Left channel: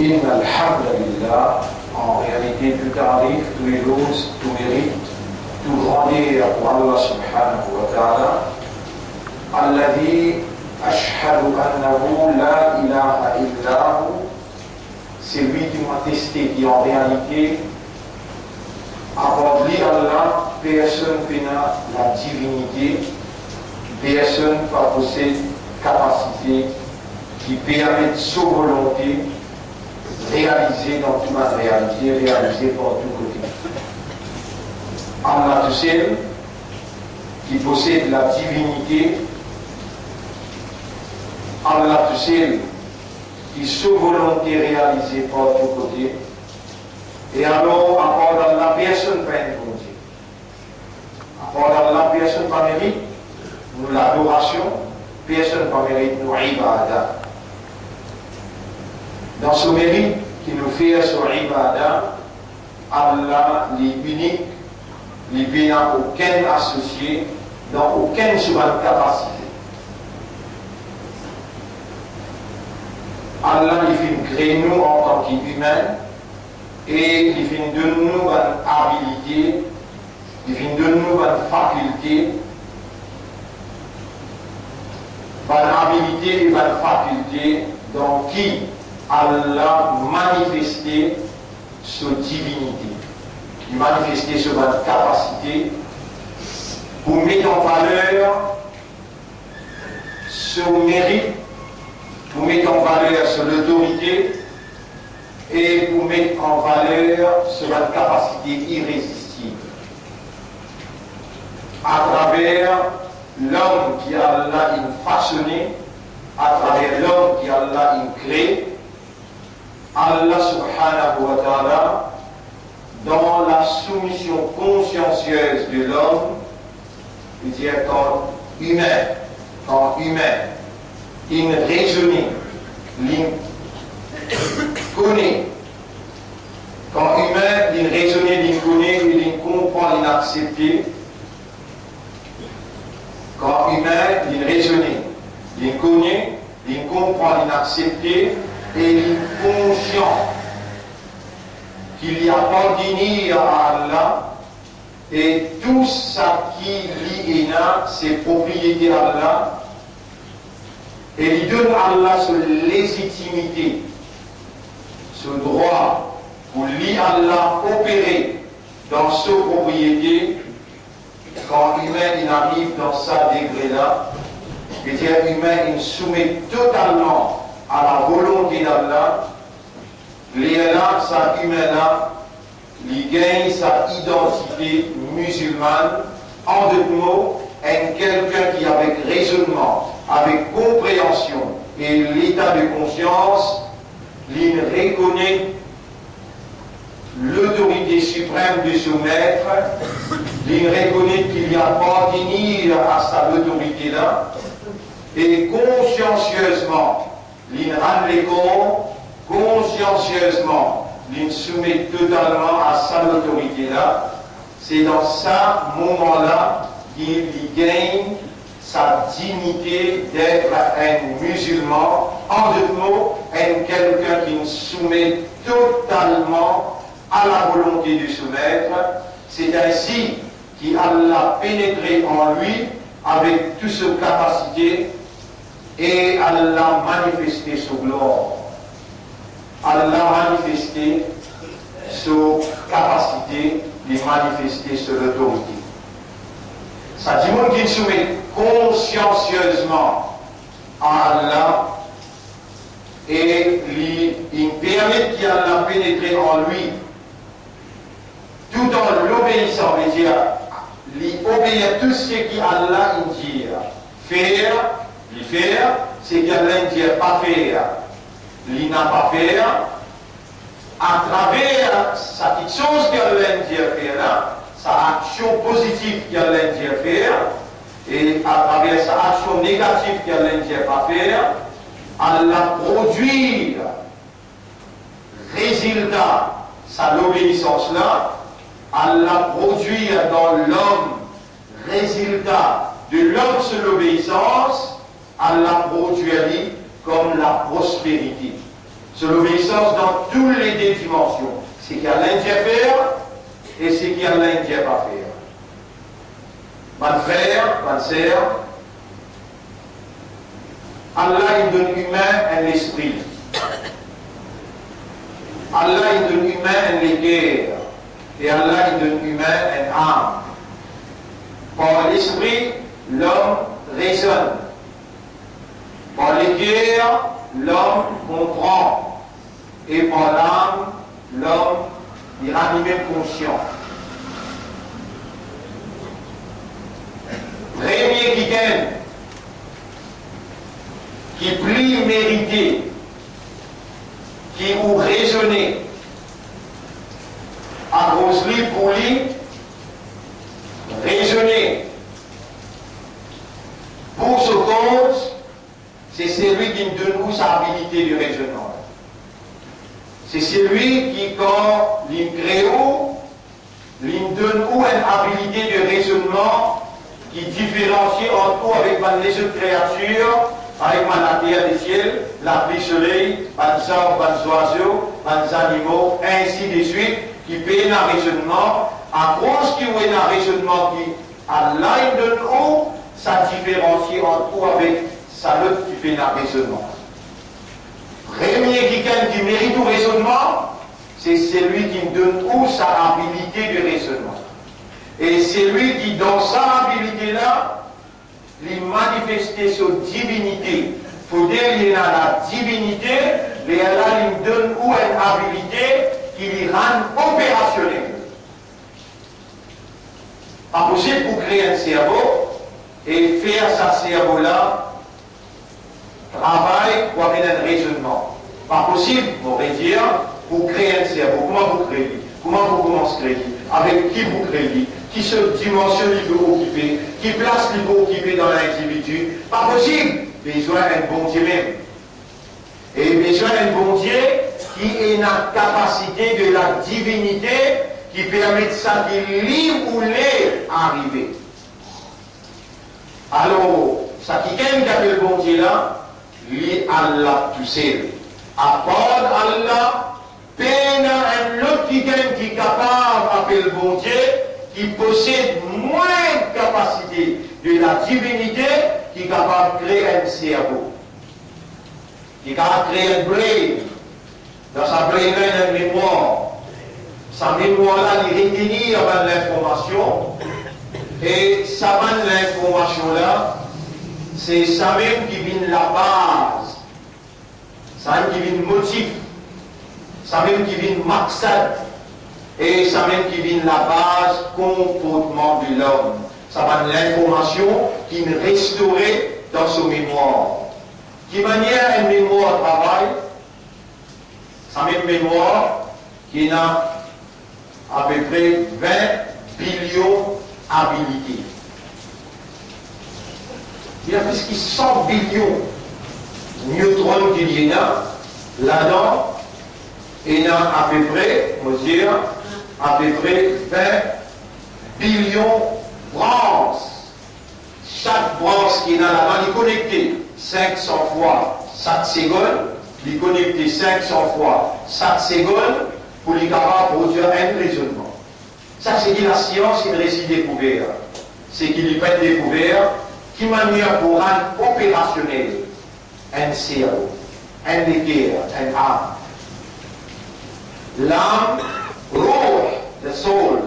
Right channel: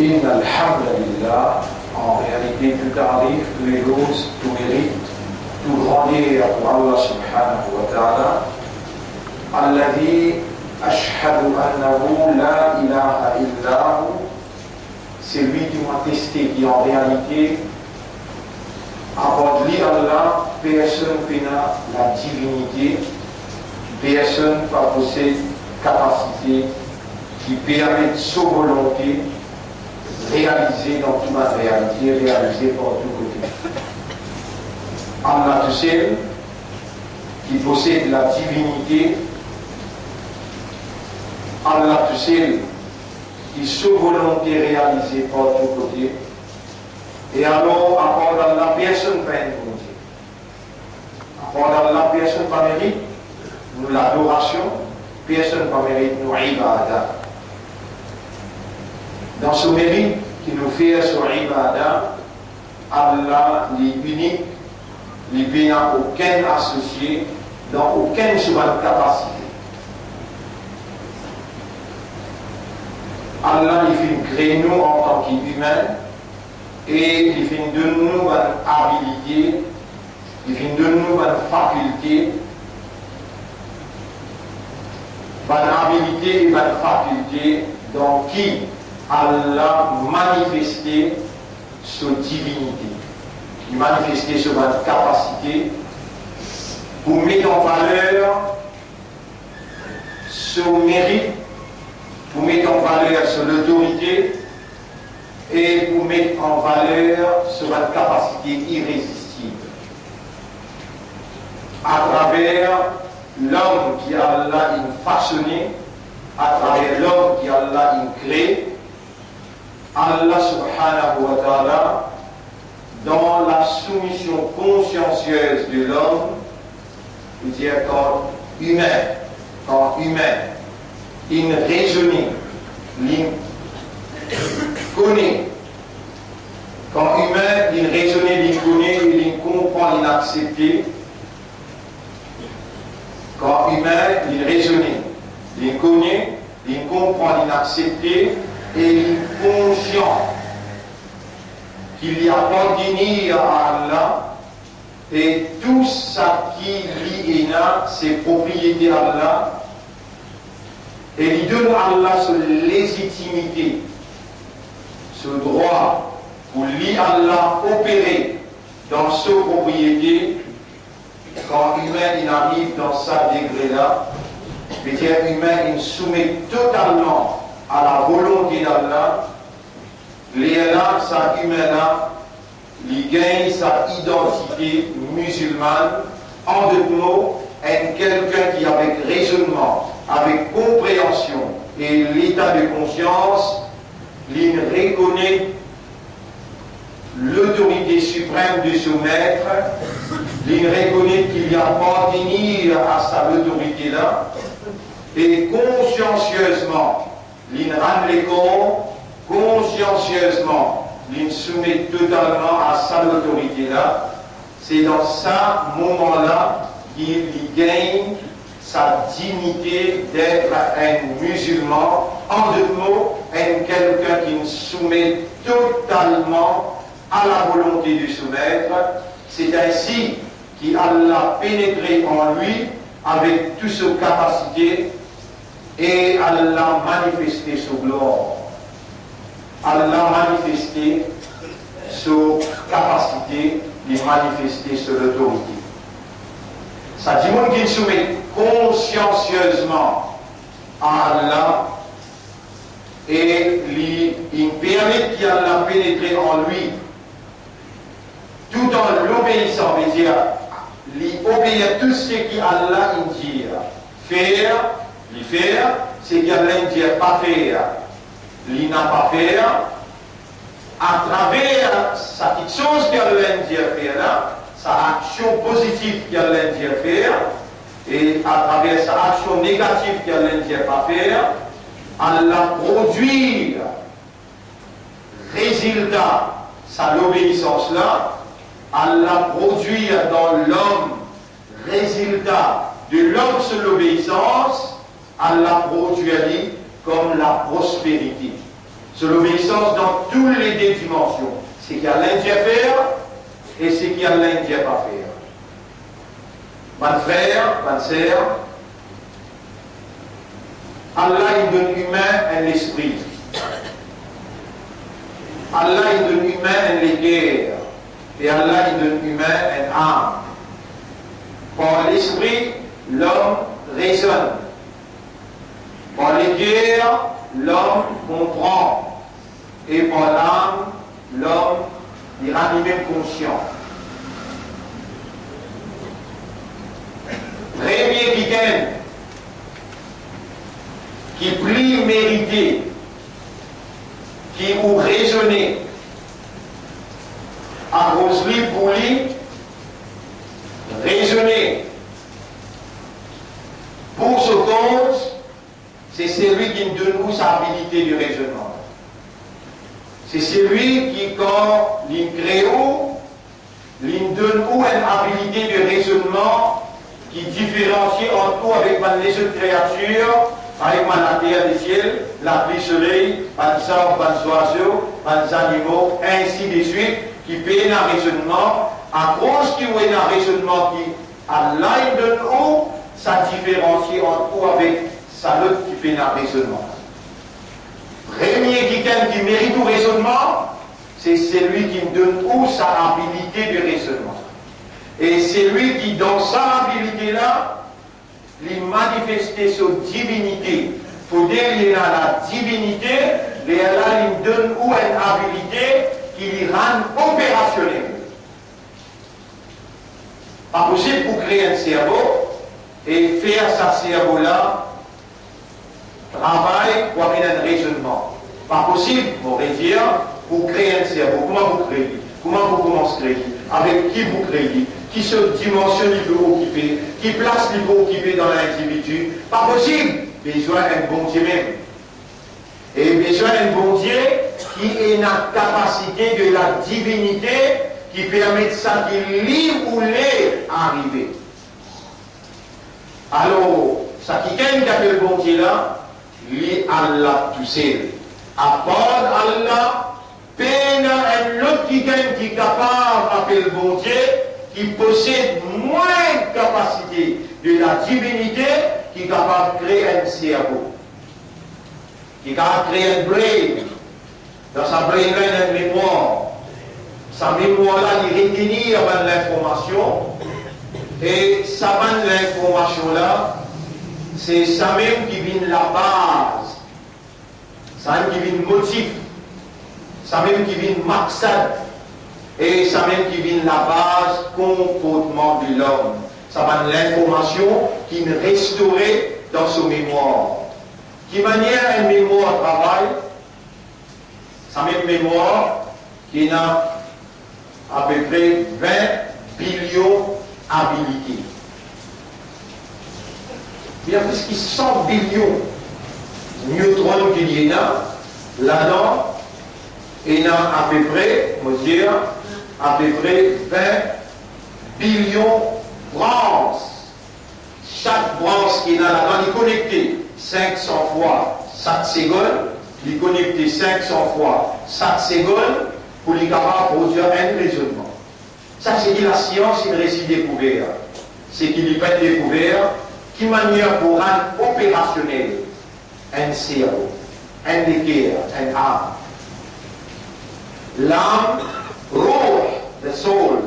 إن الحمد لله, en réalité, tout tarif, tout éloge, tout mérite, tout grandir pour Allah subhanahu wa ta'ala, alladhi ashhadu annahu la ilaha illahu, c'est lui qui m'a testé, qui en réalité, avant de lire Allah, personne n'a la divinité, personne ne possède capacité qui permet de sa volonté réaliser dans toute la réalité, réaliser par tout côté. Allah tout seul, qui possède la divinité, Allah tout seul, qui sa volonté réalisée par tout côté, et alors, à part d'Allah, personne ne peut être volonté. À part d'Allah, personne ne mérite nous l'adoration, personne ne mérite nous ibadah. Dans ce mérite qui nous fait sur ibadah, Allah est unique, il n'a aucun associé, dans aucune seconde capacité. Allah il fait créer nous en tant qu'humains et il fait de nous une habilité, il fait de nous une faculté, une habilité et une faculté dans qui Allah manifesté sa divinité, il manifesté sa capacité pour mettre en valeur ce mérite, pour mettre en valeur son autorité et pour mettre en valeur sa capacité irrésistible. À travers l'homme qui Allah a façonné, à travers l'homme qui Allah a créé, Allah subhanahu wa ta'ala, dans la soumission consciencieuse de l'homme, il dit quand humain, il raisonne, il connaît. Quand humain, il raisonne, il connaît, il comprend, il accepte. Quand humain, il raisonne, il connaît, il comprend, il accepte. Et il est conscient qu'il y a appartenu à Allah et tout ça qui lui est là, c'est propriété à Allah. Et il donne à Allah cette légitimité, ce droit pour lui Allah opérer dans sa propriété. Quand l'humain il arrive dans sa degré-là, le dire humain il soumet totalement à la volonté d'Allah, là, sa humain-là, il gagne sa identité musulmane, en deux mots, quelqu'un qui avec raisonnement, avec compréhension et l'état de conscience, il reconnaît l'autorité suprême de son maître, il reconnaît qu'il y a appartenu à sa autorité-là, et consciencieusement, il rend les corps consciencieusement, il soumet totalement à sa autorité-là. C'est dans ce moment-là qu'il gagne sa dignité d'être un musulman. En deux mots, quelqu'un qui soumet totalement à la volonté de son maître. C'est ainsi qu'Allah a pénétré en lui avec toute sa capacité. Et Allah a manifesté sa gloire. Allah a manifesté sa capacité de manifester son autorité. Ça dit qu'il soumet consciencieusement à Allah et il permet qu'Allah pénètre en lui tout en l'obéissant, c'est-à-dire il obéit tout ce qu'Allah dit faire. Li faire, c'est qu'Allah ne dit pas faire. Il n'a pas faire. À travers sa petite chose qu'Allah dit faire, sa action positive qu'Allah dit faire, et à travers sa action négative qu'Allah dit pas faire, Allah produit résultat, sa l'obéissance là, Allah produit dans l'homme résultat de l'homme sur l'obéissance. Allah produit comme la prospérité. C'est l'obéissance dans toutes les dimensions. C'est qu'il y a l'Indien à faire et c'est qu'il y a l'Indien à pas faire. Mon frère, ma sœur, Allah il donne humain un esprit. Allah il donne humain un guerre. Et Allah il donne humain un âme. Par l'esprit, l'homme raisonne. Par les guerres, l'homme comprend. Et par l'âme, l'homme il rend même conscient. Premier week-end qui prie mérité, qui ou raisonner, à cause lui pour lui, raisonner. Pour ce compte, c'est celui qui nous donne sa habilité de raisonnement. C'est celui qui, quand il crée, il nous donne une habilité de raisonnement qui différencie en tout avec les autres créatures, avec la terre des ciels, la pluie soleil, les arbres, les oiseaux, les animaux, ainsi de suite, qui paient un raisonnement, à cause qu'il y a un raisonnement qui, Allah donne où, ça différencie en tout avec ça l'autre qui fait un raisonnement. Premier quelqu'un qui mérite au raisonnement, c'est celui qui me donne où sa habilité de raisonnement. Et c'est lui qui, dans sa habilité-là, lui manifeste sa divinité. Il faut dire qu'il a la divinité, mais Allah lui donne où une habilité qui lui rend opérationnel. Pas possible pour créer un cerveau et faire ce cerveau-là travail pour amener un raisonnement. Pas possible, on va dire, pour créer un cerveau. Comment vous créez? Comment vous commencez à créer? Avec qui vous créez? Qui se dimensionne il veut occuper? Qui place il veut occuper dans l'individu? Pas possible. Besoin d'un bon Dieu même. Et besoin d'un bon Dieu qui ait la capacité de la divinité qui permet ça de libre ou l'est arriver. Alors, ça qui gagne le bon Dieu là, lui Allah tout seul. À part Allah, peine un autre qui gagne qui est capable d'appeler le bon Dieu, qui possède moins de capacité de la divinité, qui est capable de créer un cerveau, qui est capable de créer un brain, dans sa brain, une mémoire. Sa mémoire-là, il retenir l'information, et ça donne l'information-là, c'est ça même qui vient la base, ça même qui vient le motif, ça même qui vient le maqsad, et ça même qui vient la base comportement de l'homme. Ça va l'information qui est restaurée dans son mémoire. Qui manière une mémoire travaille, sa même mémoire qui a à peu près 20 billions habilités. Il y a plus de 100 billions neutrons qu'il y a là-dedans, il y a à peu près, on va dire, à peu près 20 billions de branches. Chaque branche qui est là-dedans est connectée 500 fois chaque seconde, il est connecté 500 fois chaque seconde pour les capables de produire un raisonnement. Ça, c'est dit la science, une récit découvert. C'est qu'il n'est pas découvert qui manière pour rendre opérationnel un cerveau, un équerre, un âme. L'âme, roh, le soul,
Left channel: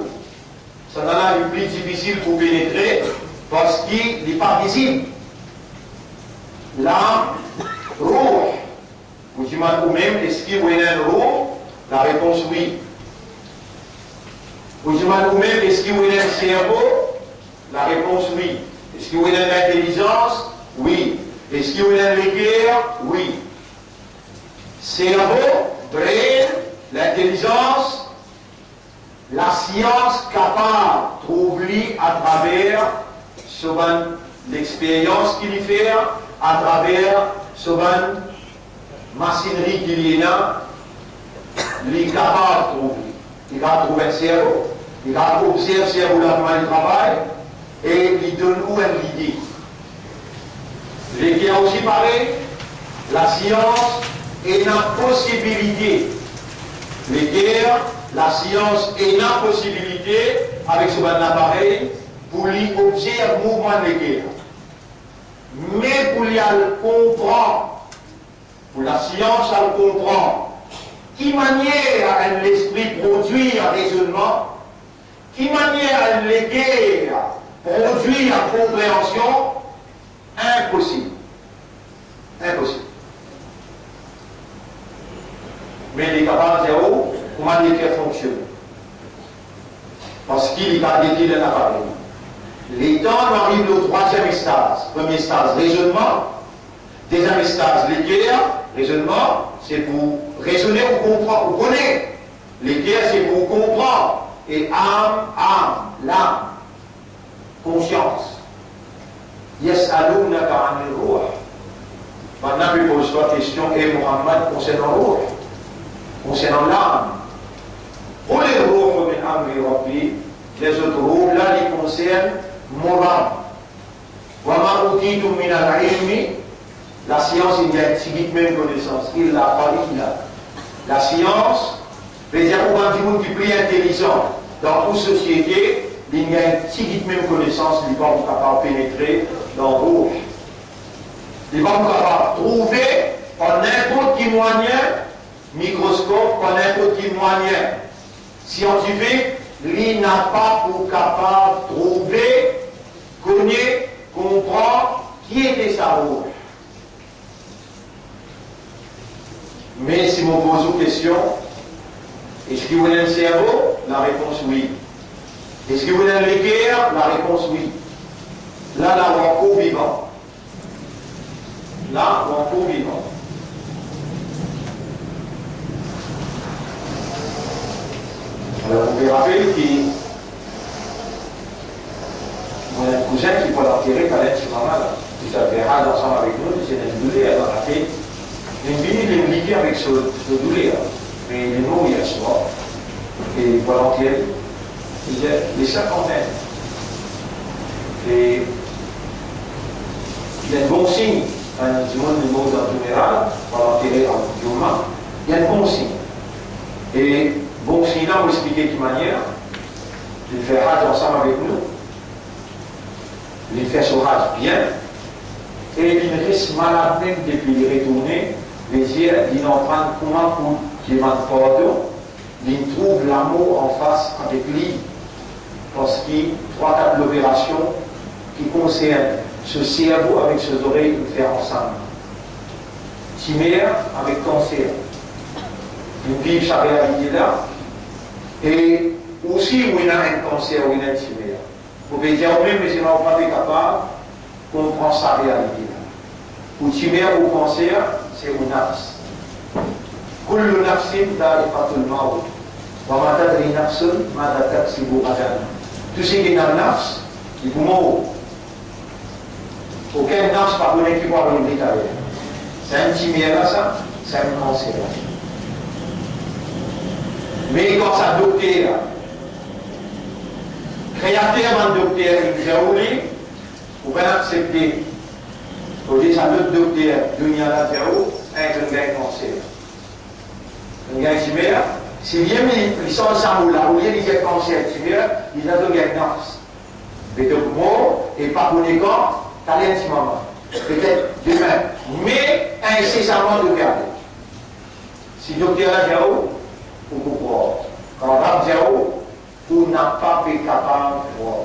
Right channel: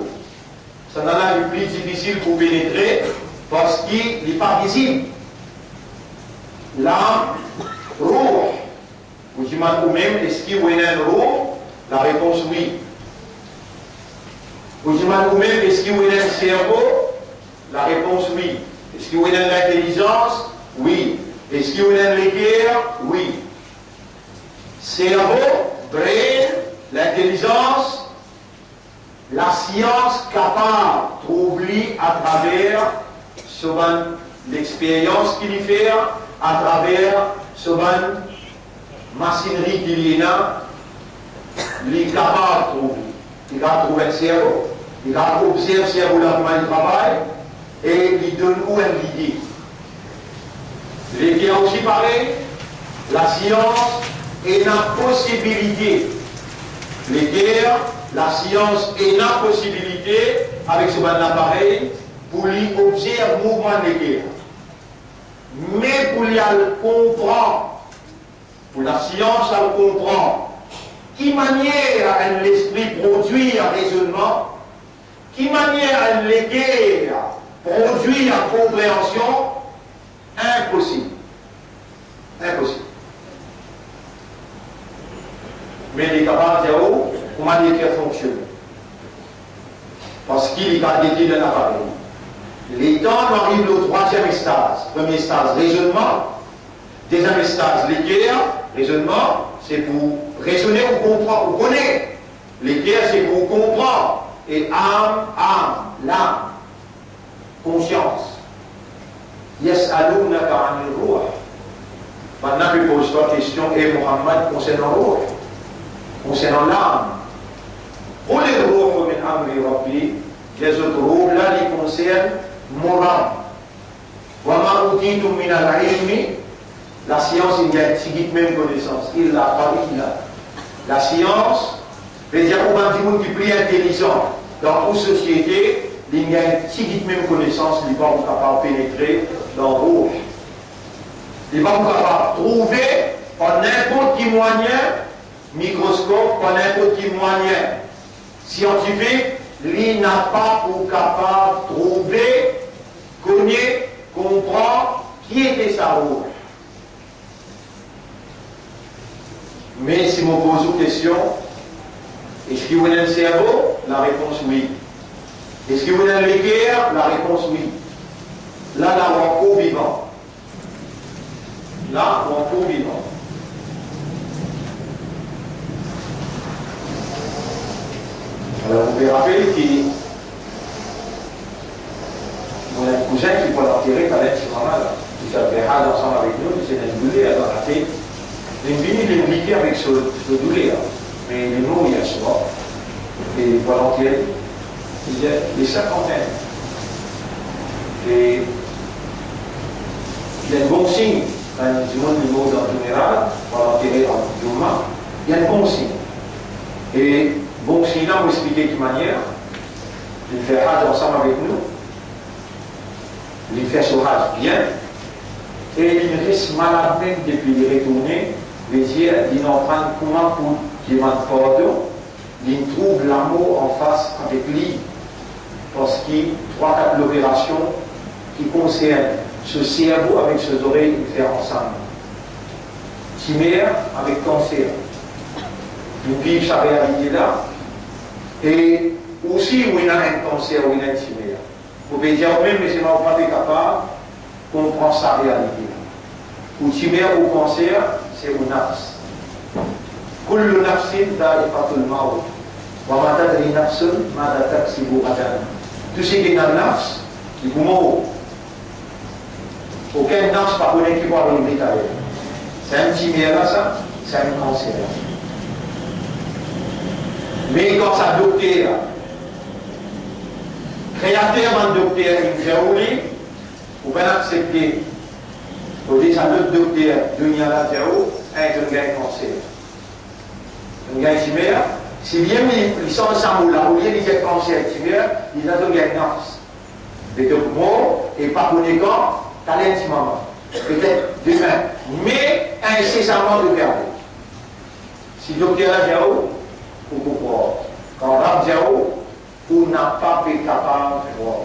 ça en a le plus difficile pour pénétrer parce qu'il n'est pas visible. L'âme, roh, vous imaginez vous-même, est-ce qu'il y a un roh? La réponse oui. Vous imaginez vous-même, est-ce qu'il y a un cerveau? La réponse oui. Est-ce qu'il y a une intelligence? Oui. Est-ce qu'il y a une guerre? Oui. Cerveau, brain, l'intelligence, la science capable de trouver à travers souvent l'expérience qu'il y fait, à travers souvent machinerie qu'il y a, il est capable de trouver. Il va trouver un cerveau, il va observer le cerveau là comment il travaille, et il donne où une idée. Les qui a aussi parlé, la science et la possibilité. Les guerres, la science et la possibilité, avec ce bon appareil, pour lui observer le mouvement des guerres. Mais pour lui comprendre, pour la science, elle comprend qui manière l'esprit produit un raisonnement, qui manière les guerres produit une compréhension, impossible. Impossible. Mais il est capable de dire comment les guerres fonctionnent. Parce qu'il est capable de dire l'appareil. Les temps arrivent au troisième stade. Premier stade, raisonnement. Deuxième stade, les guerres. Raisonnement, c'est pour raisonner ou comprendre, ou connaître. Les guerres, c'est pour comprendre. Et âme, l'âme. Conscience. Yas'alounaka 'anil ruh. Maintenant, je pose la question, et Mohammed, concernant le ruh, concernant l'âme. Pour les ruh min amri rabbi, les autres ruh, là, ils concernent mon âme. Wa ma utitu min al-ilmi, la science, il y a une même connaissance. Il l'a pas, il l'a. La science, veut dire qu'on va dire qui est plus intelligent dans toute société, il y a une même connaissance, il va pas capable de pénétrer dans le rouge. Il va pas capable de trouver en n'importe quel moyen, microscope, en n'importe quel moyen scientifique, il n'a pas pour capable de trouver, connaître, comprendre qui était sa rouge. Mais si on pose une question, est-ce que vous avez un cerveau? La réponse oui. Est-ce que vous avez les guerres? La réponse oui. Là, on est encore vivant. Là, on est encore vivant. Alors, vous pouvez rappeler qu'il y a un cousin qui peut l'enterrer par un petit maman là. Ils avaient ensemble avec nous, ils étaient doulés dans la tête. Ils viennent de liquer avec ce douleur. Mais nous, il y a ce soir. Et volontiers, il y a des cinquantaines. Et il y a un bon signe. Du monde du monde en général, volontiers en humain, il y a un bon signe. Et bon signe, là, vous expliquez de quelle manière. Il fait Hajj ensemble avec nous. Il fait ce Hajj bien. Et il reste malade même depuis il est retourné. Il est en train de comment pour qu'il m'a pardon, il trouve l'amour en face avec lui. Parce qu'il y a 3-4 opérations qui concernent ce cerveau avec ses oreilles, il fait ensemble. Tumeur avec cancer. Il vit sa réalité là. Et aussi, où il a un cancer, où il a un tumeur. Vous pouvez dire, même, mais c'est pas capable de comprendre sa réalité là. Ou tumeur ou cancer, c'est un nafs. Kullu nafsin da'iqatul maut. Wa ma tadri nafsun ma taksibu ghadan. Tout ce qui est dans le nafs, il vous mord. Aucun nafs par contre qui va arriver détaillé. C'est un tumeur là, ça, c'est un cancer. Mais quand ça docteur, créateur d'un docteur, il fait rouler, vous pouvez accepter. Vous dites à l'autre docteur, Dunia la Théo, un jeune gars cancer. Un gars tumeur, si bien ils sont ensemble là, où il y a des cancers tumeur, ils ont un diagnostic. Mais donc, moi, et pas pour les gars, t'as l'intimement. Peut-être demain, mais incessamment de garder. Si le docteur a dit, vous comprendre. Quand on a dit, vous n'a pas été capable de voir.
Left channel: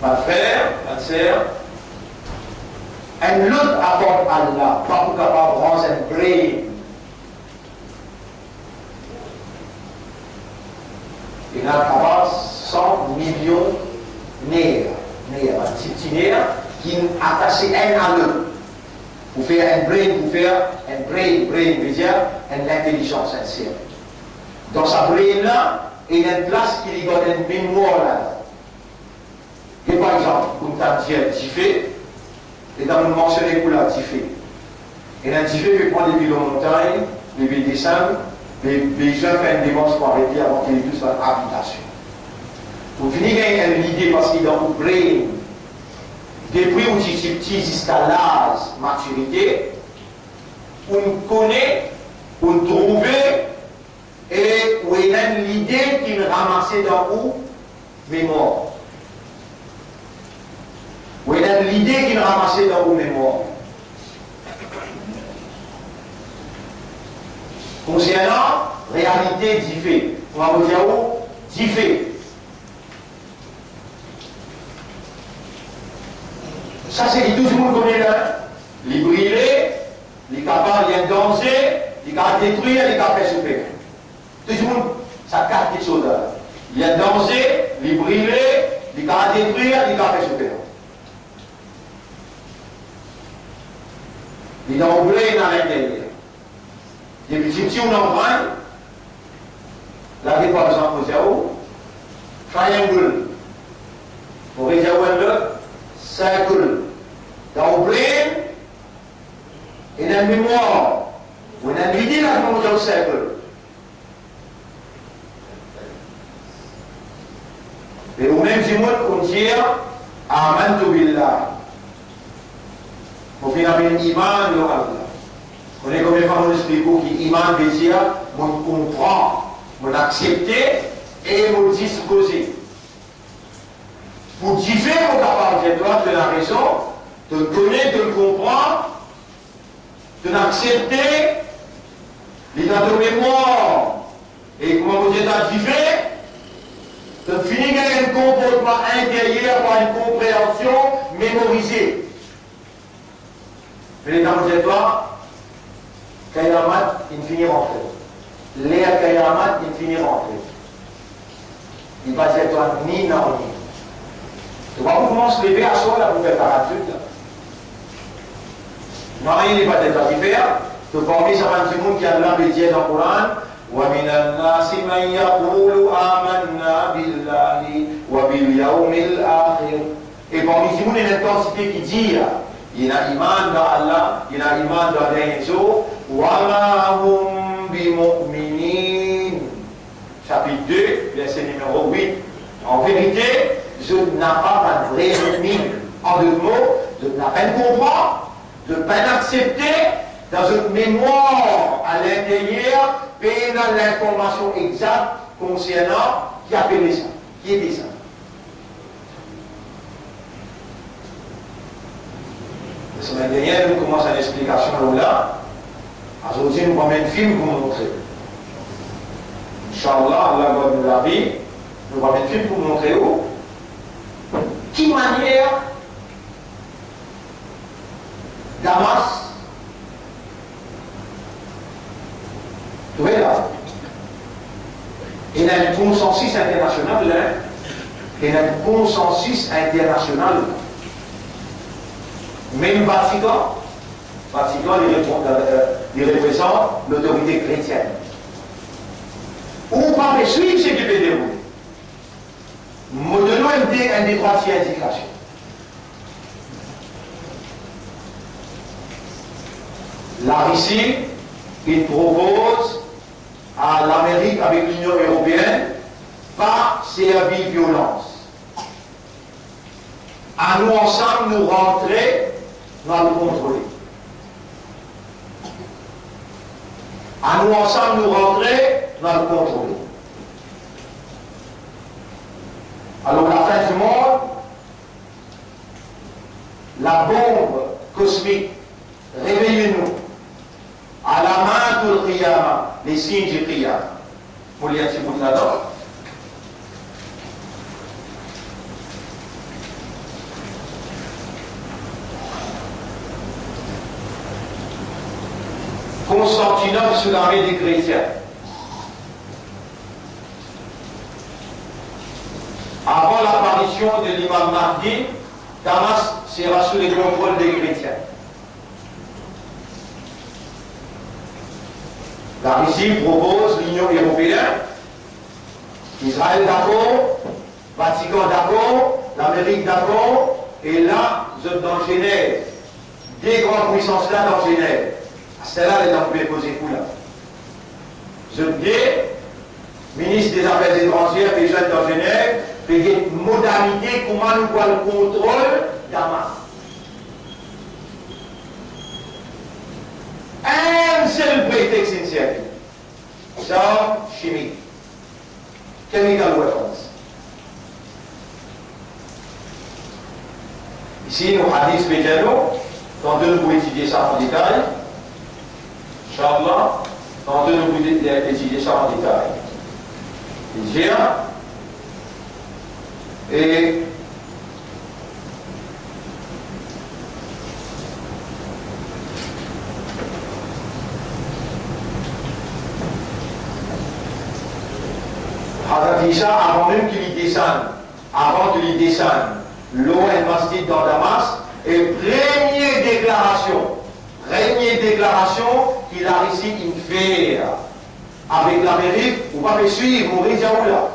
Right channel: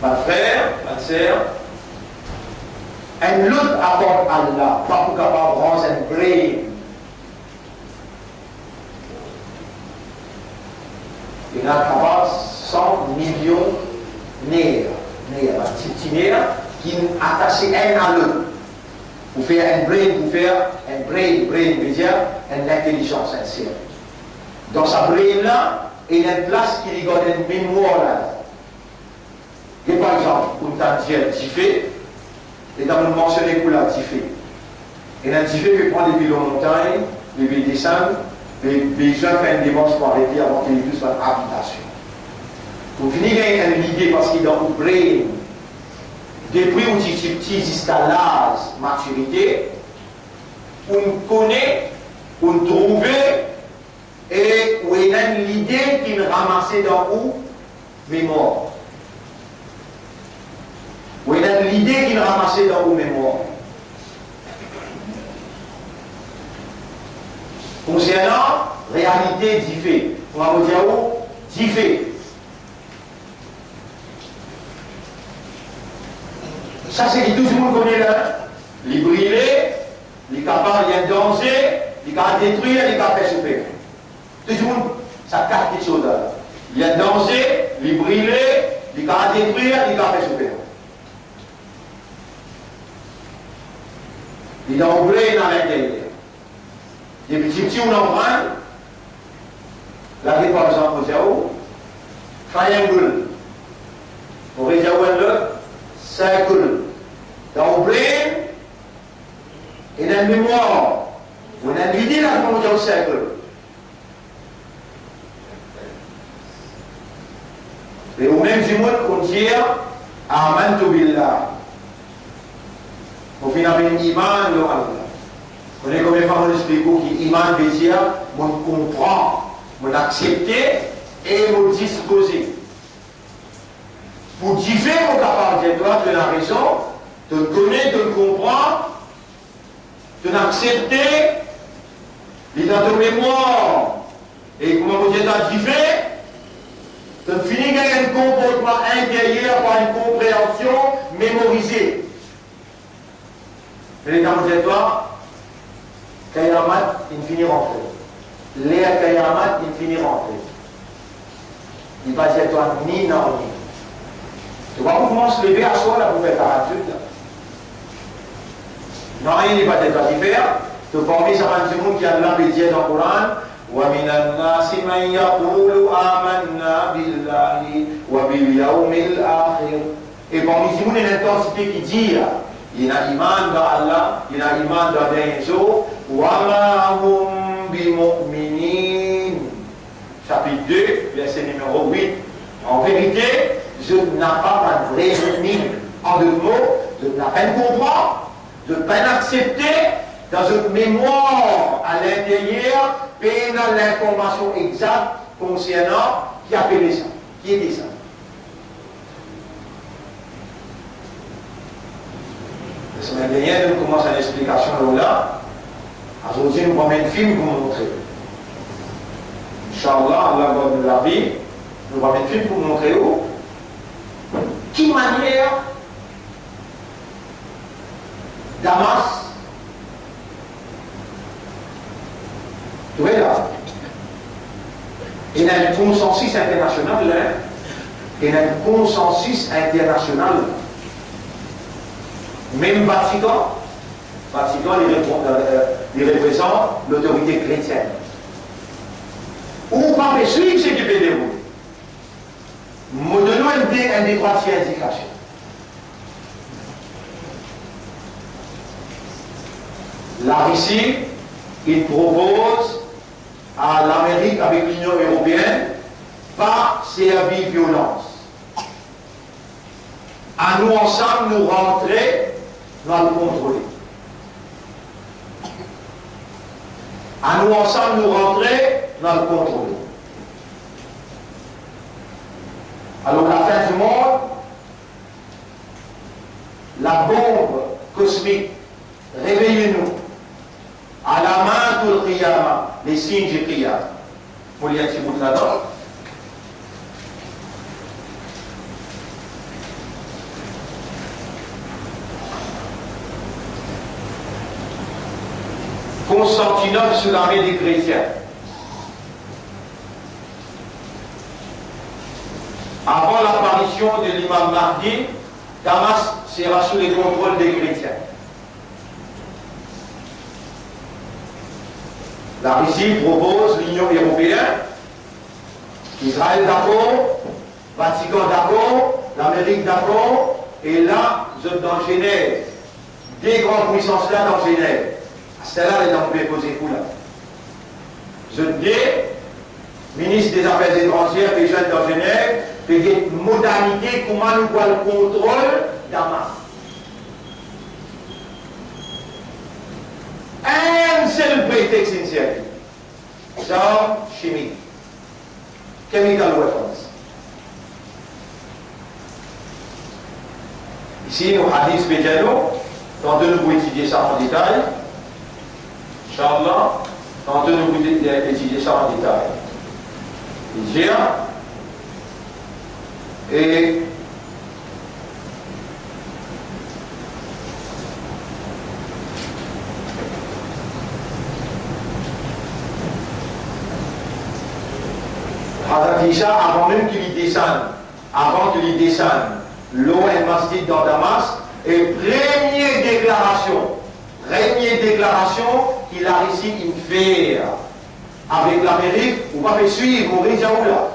Ma frère, ma sœur, un autre apporte Allah, pas pour capable de rendre un brain. Il a capable 100 millions de nerfs, un petit nerf qui attache un à l'autre. Pour faire un brain, veut dire une intelligence sincère. Dans sa brain là, il y a une place qui lui donne une mémoire là. Et par exemple, on t'a dit un diffé, et dans le mentionné pour la diffé. Et un diffé peut prendre des bilans montagnes, les villes descendent, les gens font une démarche pour arrêter avant qu'ils aient tous leur habitation. Pour finir, il y a une idée parce qu'il est dans le brain. Depuis où tu es petit jusqu'à l'âge maturité, on connaît, on trouve, et où il y a l'idée qu'il ramassait dans où mémoire. Où il y a l'idée qu'il ramassait dans où mémoire. Concernant réalité d'Ifé, on va vous dire où d'Ifé. Ça, c'est que tout le monde connaît là. Les brûler, les capables, il y a un danger, les capables détruire, les capables souffrir. Tout le monde, ça capte quelque chose là. Il y a un danger, les brûler, les capables détruire, les capables souffrir. Les d'emblée, il y en a l'intérieur. Les petits, on en prend. Là, il par exemple, vous avez triangle. Pour les le circle. Dans le brain, il y a une mémoire. On a une idée là comment on cercle. Et au même moment, on dit Amantu billah. Pour finir avec l'iman de Allah. On est combien de fois on explique que l'iman veut dire on comprend, on accepte et on dispose. Pour différer mon capable de toi de la raison, de connaître, de comprendre, de l'accepter, de ta mémoire. Et comment vous êtes à différer, de finir avec un comportement intérieur par une compréhension mémorisée. Mais les capable de toi, Kayamat, il finit rentrer. Léa Kayamat, il finit rentrer. Il va dire toi ni non ni. Tu vois comment se lever à soi là pour faire parachute là. Non, il n'est pas déjà différent. Tu parmi ça va du monde qui a l'âme dit dans le Coran. وَمِنَ النَّاسِ مَنْ يَقُولُ آمَنَّا بِاللَّهِ وَبِالْيَوْمِ الْآخِرِ. Et parmi ces monde, il y a une intensité qui dit il y a iman dans Allah, il y a iman dans les jours. وَمَا هُمْ بِمُؤْمِنِينَ. Chapitre 2, verset numéro 8. En vérité, je n'ai pas de vrai ennemi. En deux mots, je n'ai pas de comprendre, de peine accepter dans une mémoire à l'intérieur, peine l'information exacte concernant qui appelait ça, qui était ça. La semaine dernière, nous commençons une explication là. Aujourd'hui, nous prenons un film pour nous montrer. Inch'Allah, Allah va nous la vie. Nous prenons un film pour nous montrer où. Qui manière Damas, tu vois là, il y a un consensus international là, il y a un consensus international. Même Vatican, il représente l'autorité chrétienne. Ou pas suivre ce qui peut dérouler. Nous donnons un des trois indications. La Russie, il propose à l'Amérique avec l'Union européenne pas servir violence. À nous ensemble, nous rentrer dans le contrôler. À nous ensemble, nous rentrer dans le contrôler. Alors, la fin du monde, la bombe cosmique, réveillez-nous. À la main tout le qiyama, les signes du qiyama. Vous voulez un petit bout de là-dedans? Constantinople sous l'armée des chrétiens. Avant l'apparition de l'imam Mahdi, Damas sera sous les contrôles des chrétiens. La Russie propose l'Union européenne, Israël d'accord, Vatican d'accord, l'Amérique d'accord, et là, vous êtes dans Genève. Des grandes puissances là dans Genève. Celle-là, elle est dans le poser coup là. Vous êtes des ministres des Affaires étrangères, des jeunes dans Genève, et des modalités, comment nous voit le contrôle d'Hamas. chimiques. Chemical weapons. Ici, nos hadiths spéciaux, tantôt nous pouvons étudier ça en détail. Inch'Allah, tantôt nous pouvons étudier ça en détail. J'ai et Isa, avant même qu'il y descende, avant qu'il y descende, l'eau est mastique dans Damas, et première déclaration qu'il a réussi à faire avec l'Amérique, ou pas me suivre, ou Rizaoula.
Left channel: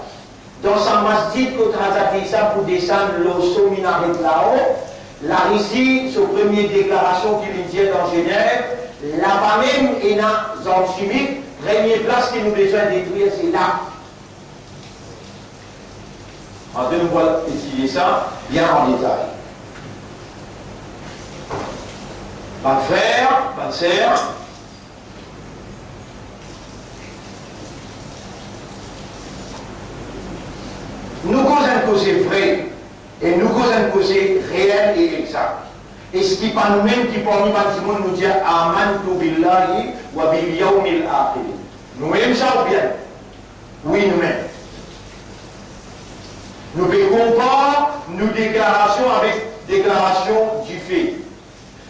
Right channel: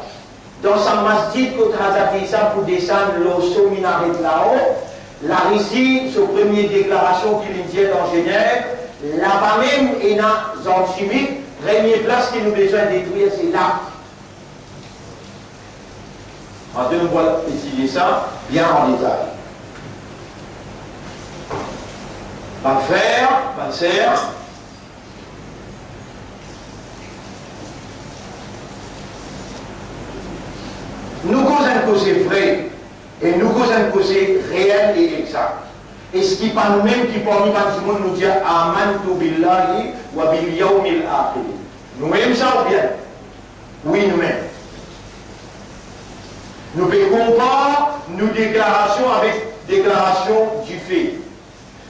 Dans sa masjid, quand Hazrat Isa pour descendre l'eau sur minaret là-haut, la réussi, sa première déclaration qu'il dit dans Genève, là-bas même, il y a une zone chimique, première place qu'il nous besoin de détruire, c'est là. En deux, on va étudier ça bien en détail. Mon frère, ma sœur, nous causons un causer vrai et nous causons un causer réel et exact. Et ce qui pas nous-mêmes qui parmi nous dit amantu billahi wa bil yawmil akhir. Nous aimons ça ou bien? Oui, nous-mêmes. Nous pouvons pas nos déclarations avec déclaration du fait.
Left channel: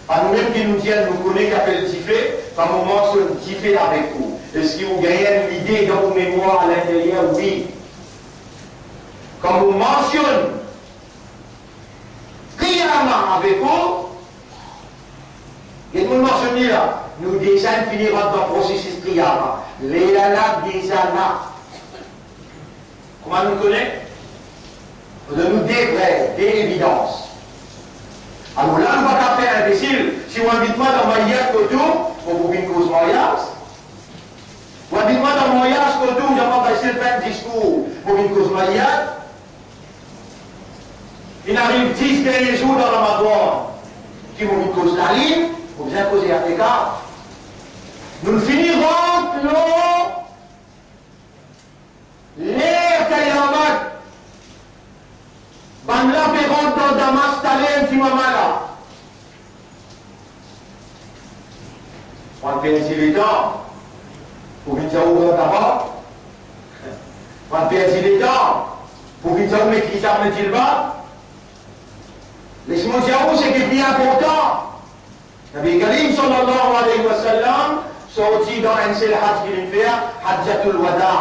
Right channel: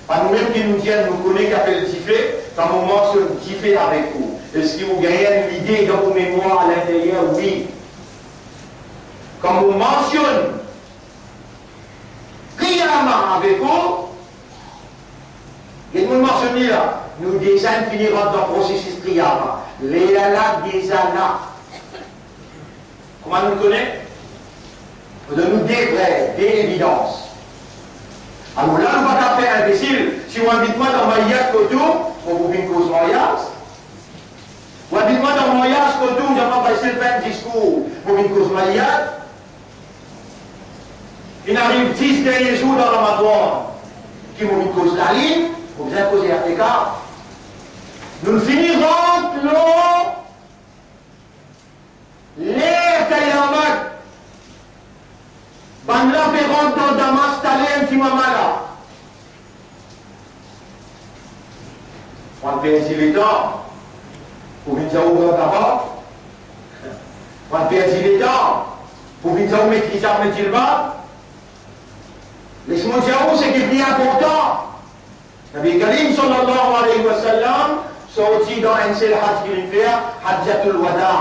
Pas nous-mêmes qui nous disent, nous connaissons qu'appelle du fait, par moment, ce du fait avec vous. Est-ce que vous gagnez l'idée dans vos mémoires à l'intérieur? Oui. Quand vous mentionnez Qiyamah avec vous, et nous mentionnons là, nous déjà finirons dans le processus Qiyamah. Les alaks des alaks. Comment nous connaissons? De nous déclarer des évidences. Alors là, on ne va pas faire imbécile. Si on invite moi dans ma yacht autour, on vous une cause mariage. On invite moi dans mon yacht autour, je ne vais pas passer le même discours pour une cause mariage. Il arrive 10 derniers jours dans Ramadan qui vont une cause la ligne, pour bien causer à l'écart. Nous finirons l'air Kayamak. Ban la rentre dans Damas, talent qui m'a malade. On perd le temps pour venir au grand tabac. On perd le temps pour venir au maîtrise à mettre le bas. Laisse-moi dire c'est qui est bien important. Nabi Karim sallallahu alayhi wa sallam sorti dans un seul hajj qu'il fait, Hajjatul Wada.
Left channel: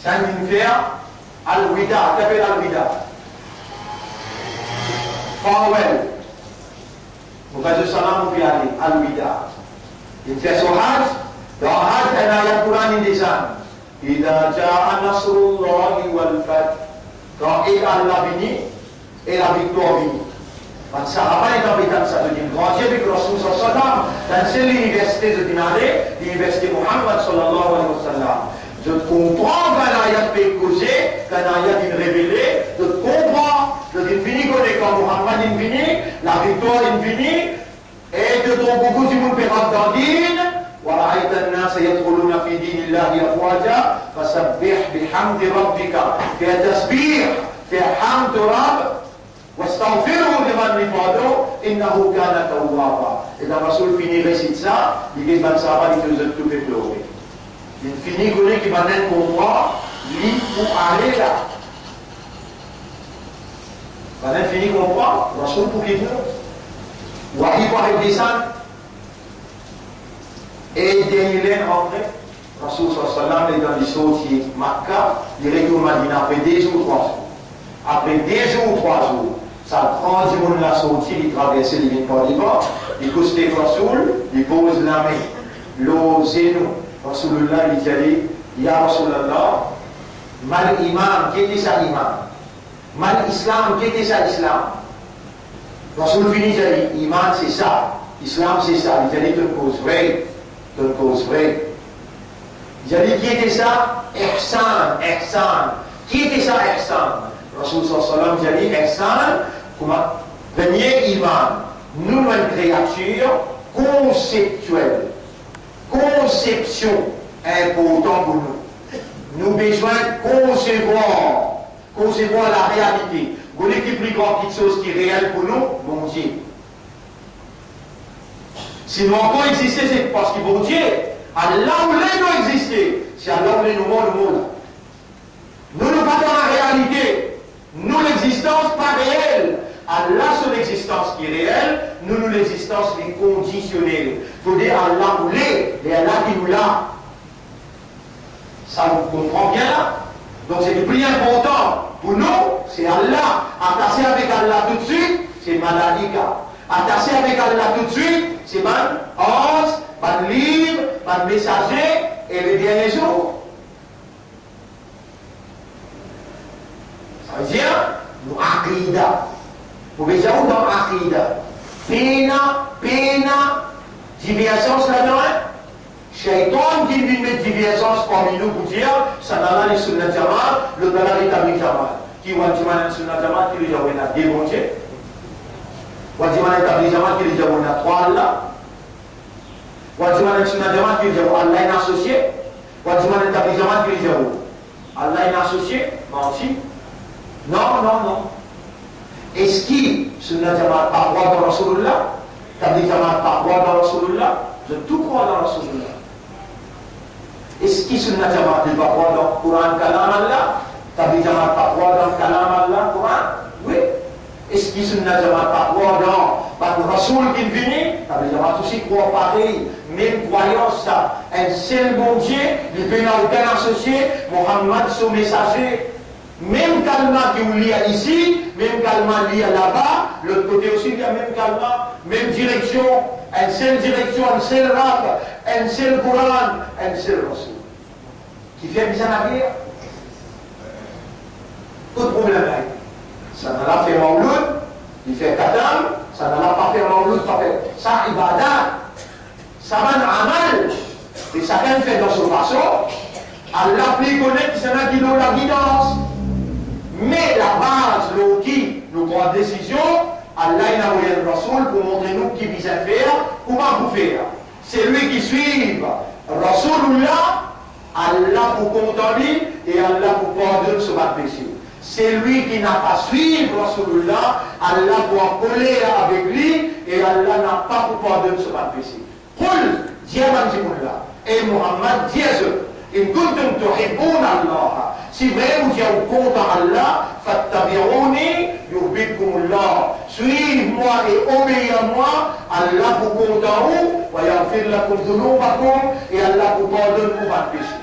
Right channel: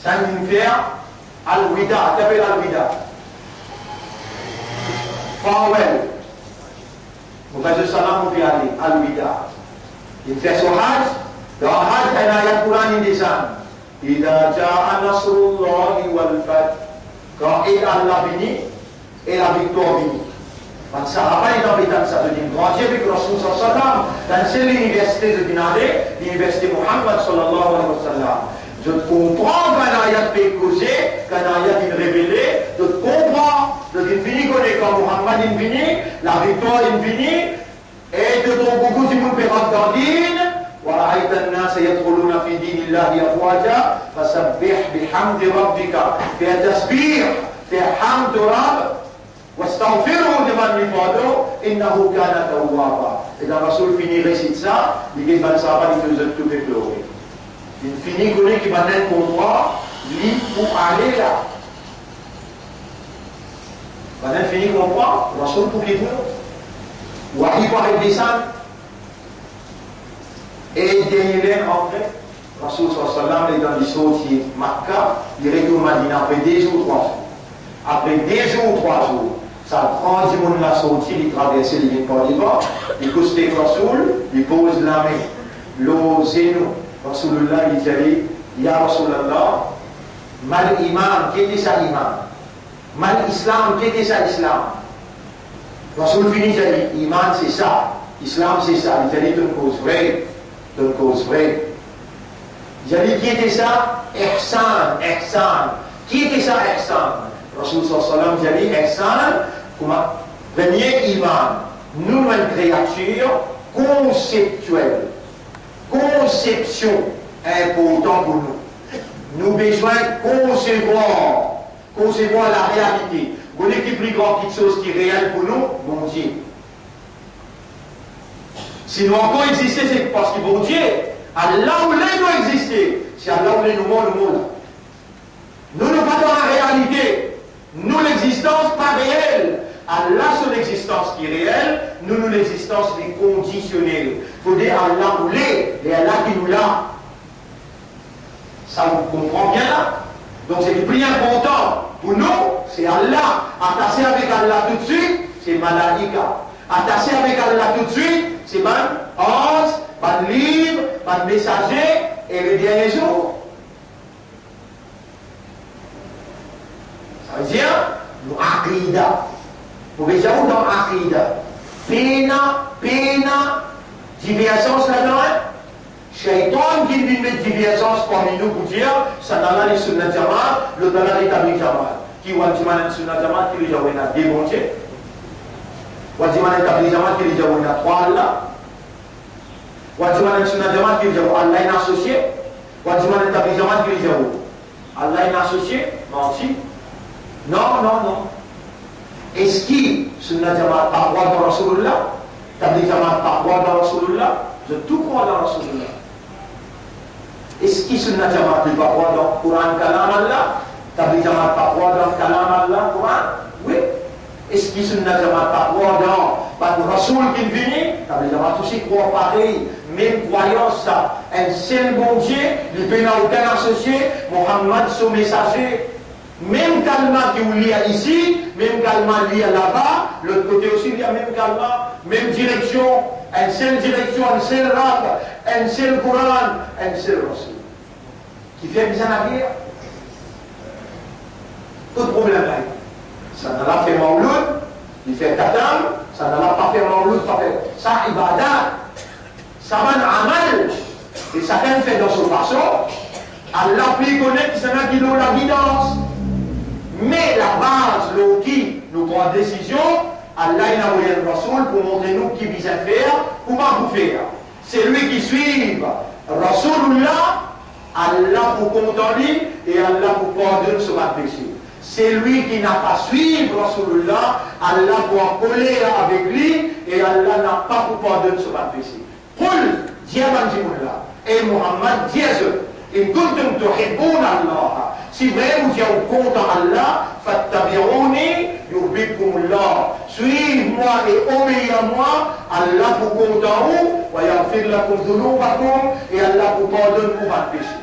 Ça il fait Al-Wida, qu'appelle Al-Wida? Farewell. Vous faites le salam, vous pouvez aller, Al-Wida. Il fait son hajj, dans le hajj, il y a le Coran, il descend. Ida ja'a nasrullahi wal fath. Quand Allah vini, et la victoire vini. Man sahaba est dans l'état de ça, de dire, grand Dieu, avec Rasul sallam, dans l'université de Dinare, l'université Muhammad sallallahu alayhi wa sallam. Je comprends qu'un ayat peut causer, qu'un ayat est révélé, je comprends, je fini quand Muhammad est fini, la victoire est finie, et de ton beaucoup de monde peut rentrer dans l'île, ورأيت الناس يدخلون في دين الله أفواجا فسبح بحمد ربك في التسبيح في حمد رب واستغفره لمن لفاده إنه كان توابا. Et le Rasoul finit récite ça, il dit ben ça va, il te tout fait pleurer. Il finit connaît qui va naître pour moi, lui pour aller là. Ben finit pour moi, Rasoul pour qu'il pleure. Ou arrive avec des saints. Et il est rentré, Rasoul sallam est dans les sorties Makkah, il retourne à Madina après 2 jours, 3 jours. Après 2 jours, 3 jours, ça prend du monde la sortie, il traverse les lignes par devant, il couche les Rasoul, il pose la main, le zénou, Rasoulullah, il dit, Ya Rasulallah, mal imam, qui était ça imam? Mal islam, qui était ça islam? Rasoul finit, il dit, iman c'est ça, islam c'est ça, il dit, une cause vraie. De cause vraie. J'ai dit qui était ça? Ihsan, Ihsan. Qui était ça, Ihsan? Rasul sallam, j'ai dit Ihsan, comment? Premier iman, nouvelle créature conceptuelle. Conception important pour nous. nous avons besoin de concevoir la réalité. Vous voyez qui plus grand quelque chose qui est réel pour nous, mon Dieu. Si nous encore exister, c'est parce que mon Dieu, Allah où les nous exister, c'est Allah où les nous monde, le monde. Nous ne pas dans la réalité. Nous, l'existence pas réelle. Allah, son existence qui est réelle, nous, l'existence qui est conditionnelle. Il faut dire Allah où les Allah qui nous l'a. Ça vous comprend bien là? Donc c'est le plus important. Pour nous, c'est Allah. Attaché avec Allah tout de suite, c'est Malaika. Attaché avec Allah tout de suite, c'est man ange, man livre, man messager et le dernier jour. Ça veut dire, nous Aqidah. Vous pouvez dire où dans Aqidah? Pena, divergence là-dedans. Shaitan qui vient mettre divergence parmi nous pour dire, ça n'a pas les sunnah jamaat, le dalal est établi jamaat. Qui va dire que sunnah jamaat qui les a démonté. Ou dire que établi jamaat qui les a trois Allah. Ou dire que sunnah jamaat qui les a Allah est associé. Ou dire que établi jamaat qui les a Allah est associé. Menti. Non. Est-ce que sunnah jamaat par droit dans Rasulullah? Établi jamaat par droit dans Rasulullah? Je tout crois dans Rasulullah. Est-ce que sunnah jamaat n'est pas droit dans le Coran Kalam Allah? Tabli jamaat pas droit dans le Kalam Allah, Coran? Oui. Est-ce que sunnah jamaat pas droit dans le Rasoul qui est venu? Tabli jamaat aussi croit pareil. Même croyance, ça. Un seul bon Dieu, il peut n'a aucun associé, Mohammed, son messager. Même calma qui vous lit ici, même calma lit là-bas, l'autre côté aussi il y a même calma, même direction, une seule direction, un seul rab, un seul Coran, un seul Rasoul. Qui fait bien la guerre. Tout problème là. Ça n'a pas fait Mawloud, il fait Kadam, ça n'a pas fait Mawloud, ça ibadat, ça va amal, et chacun fait dans son façon. Allah plus connaît que ça n'a qui donne la guidance. Mais la base, le qui nous prend décision, Allah il a envoyé le Rasoul pour montrer nous qui vise à faire, comment vous faire. C'est lui qui suit Rasoulullah, Allah pour contenter et Allah pour pardonner sur votre péché. C'est lui qui n'a pas suivi Rasoulullah, Allah pour en coller avec lui et Allah n'a pas pour pardonner sur votre péché. Qul, Dieu et Muhammad, Dieu, in kuntum tuhibbuna Allah. Si vraiment vous êtes content Allah, fattabi'uni yuhibbukumullah. Suivez-moi et obéissez à moi, Allah vous content vous, wa yaghfir lakum dhunubakum et Allah vous pardonne pour votre péché.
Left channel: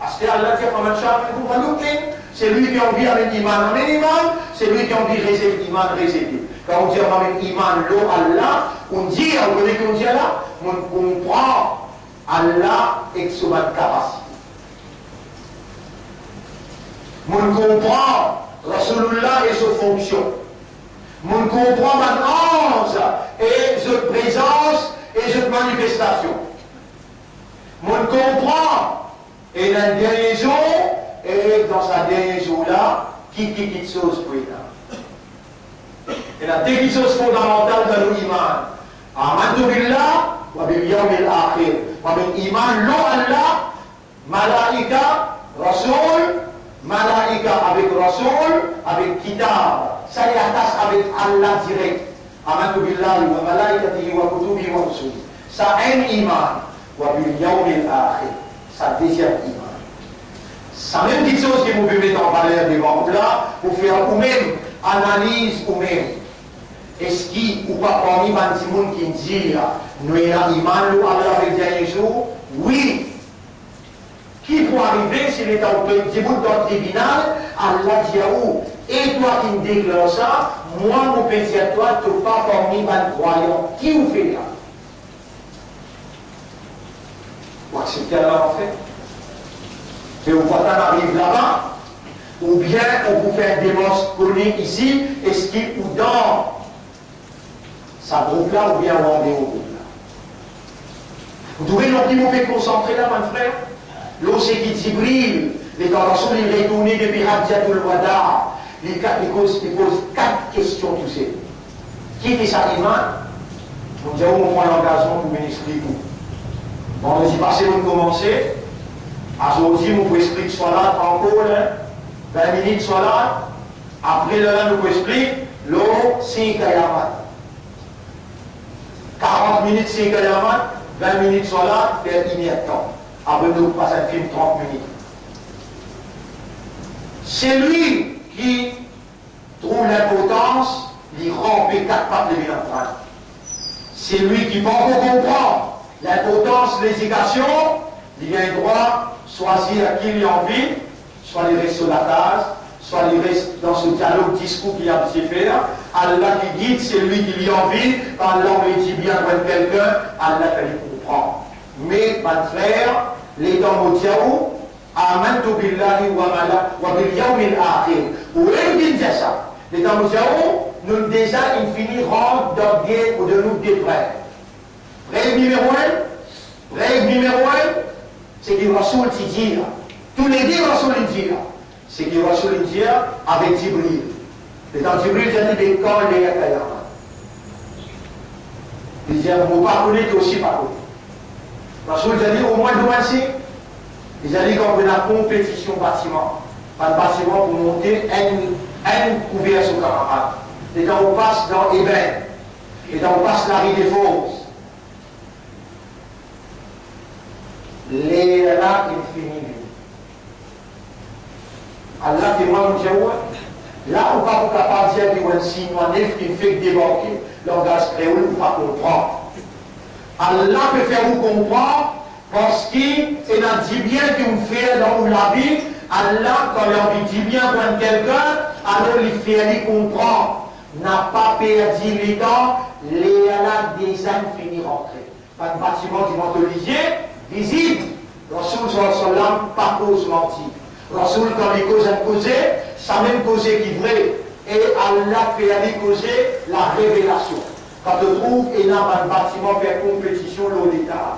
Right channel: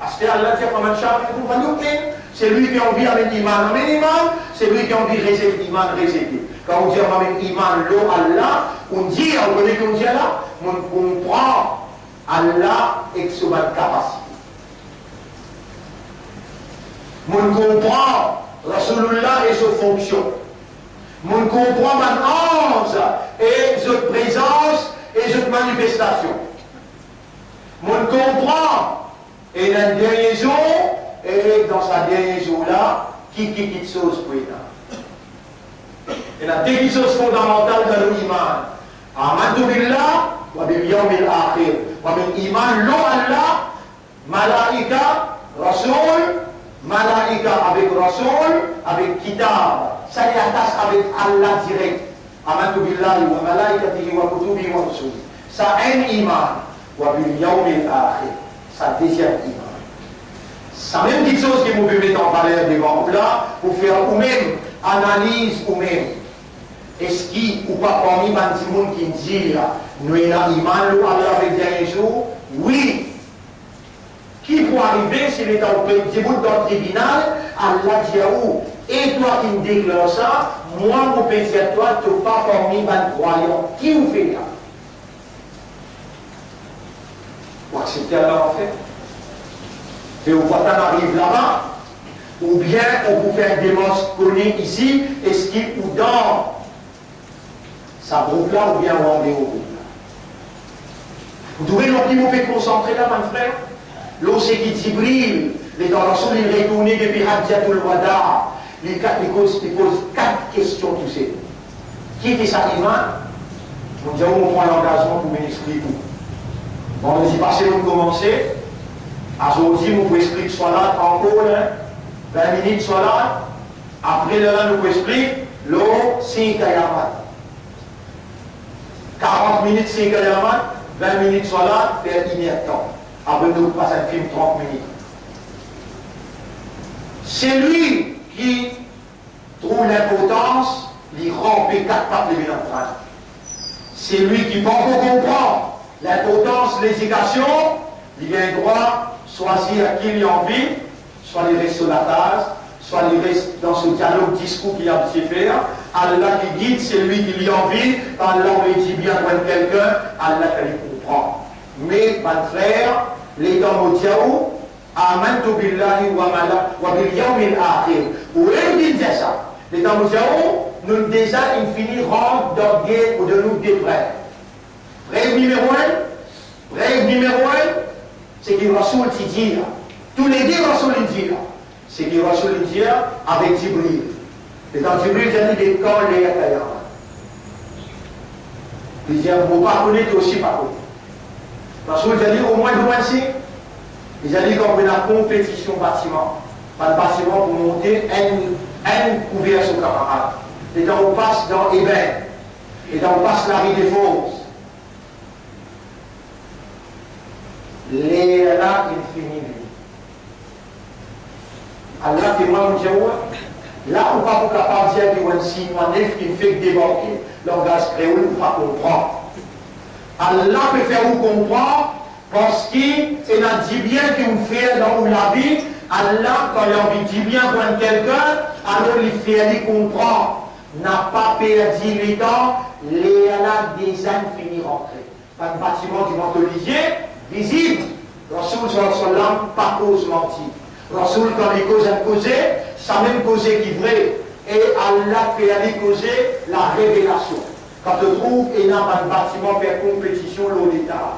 Parce que Allah dit faman sha'a minkum falyu'min. C'est lui qui a envie avec l'iman, avec l'iman, c'est lui qui a envie de réserver l'iman, réserver. Quand on dit avec l'iman, l'eau Allah, on dit, on connaît qu'on dit là, on comprend Allah et son capacité. On comprend Rasulullah et sa fonction. On comprend mon ange et sa présence et sa manifestation. On comprend et dans le dernier jour, et dans sa dernier jour-là, qui quitte chose pour il et la deux choses fondamentales dans l'iman. Amantu billah wa bil yawmil akhir. Wa bil iman lo Allah, malaika, rasoul, malaika avec rasoul, avec kitab. Ça y attache avec Allah direct. Amantu billah wa malaikatihi wa kutubihi wa rusulihi. Ça un iman. Wa bil yawmil akhir. Ça deuxième iman. C'est la même petite chose que vous pouvez mettre en valeur devant là pour faire vous-même analyse vous-même. Est-ce qu'il ou pas parmi les gens qui disent nous avons iman nous avec le dernier jour? Oui. Qui pour arriver s'il est dans le tribunal, Allah dit à vous, et toi qui me déclares ça, moi mon péché à toi, tu n'es pas parmi les croyants. Qui vous fait là? Vous acceptez Allah en fait? Et vous voyez arrive là-bas, ou bien on vous fait un démence connu ici, est-ce qu'il ou dans sa groupe là, ou bien on en est au groupe là. Vous trouvez l'on qui vous fait concentrer là, mon frère? L'eau c'est qui Jibril, les tendances il retourne depuis Hajjatul Wada, il pose 4 questions tous ces. Qui était sa iman? On dit on prend l'engagement pour m'expliquer. Vendredi passé, on commençait. Aujourd'hui, nous pouvons expliquer Salat encore, 20 minutes Salat. Après le nous pouvons expliquer l'eau 5 ayamat. 40 minutes 5 ayamat, 20 minutes Salat, faire 1 heure de temps. Après nous passons un film 30 minutes. C'est lui qui trouve l'importance, il rampe 4 pattes de l'entraîne. C'est lui qui peut comprendre l'importance de l'éducation, il a le droit de choisir à qui il a envie, soit il reste sur la base, soit il reste dans ce dialogue, discours qu'il a besoin de faire. Allah qui guide, c'est lui qui lui a envie, Allah lui dit bien pour quelqu'un, Allah qui lui comprend. Mais, mon frère, les temps mondiaux, Amantu billahi wa bil yawmil akhir. Où est-ce qu'il dit ça? Les temps mondiaux, nous déjà infini rang d'orgueil ou de nous des frères. Règle numéro 1, c'est qu'il Rasoul dit, tous les deux Rasoul dit, c'est qu'il Rasoul dit avec Jibril. Et dans Jibril, il a dit des corps, les Yakayama. Il dit, vous ne pas connaître aussi par contre. Rasoul a dit, au moins de mois-ci, il a dit qu'on veut la compétition bâtiment. Pas de bâtiment pour monter un couvert sur camarade. Et donc on passe dans Eben. Et donc on passe la rue des Fosses. Les là, infini. Allah témoigne, nous disons, là, on ne peut pas capable de dire qu'il y a un signe, un neuf qui fait débarquer. Langage créole, on ne peut pas comprendre. Allah peut faire vous comprendre parce qu'il a dit bien qu'il vous fait dans la vie. Allah, quand il a envie de dire bien pour quelqu'un, alors il fait comprendre. N'a pas perdu les temps, les là des âmes finir rentrer. Pas de bâtiment du Montolivier, visible. Rasoul sallam pas cause menti. Rasoul quand il cause un causé, ça même causé qui vrai. Et Allah fait aller causer la révélation. Quand on trouve énorme un bâtiment faire compétition l'eau d'état.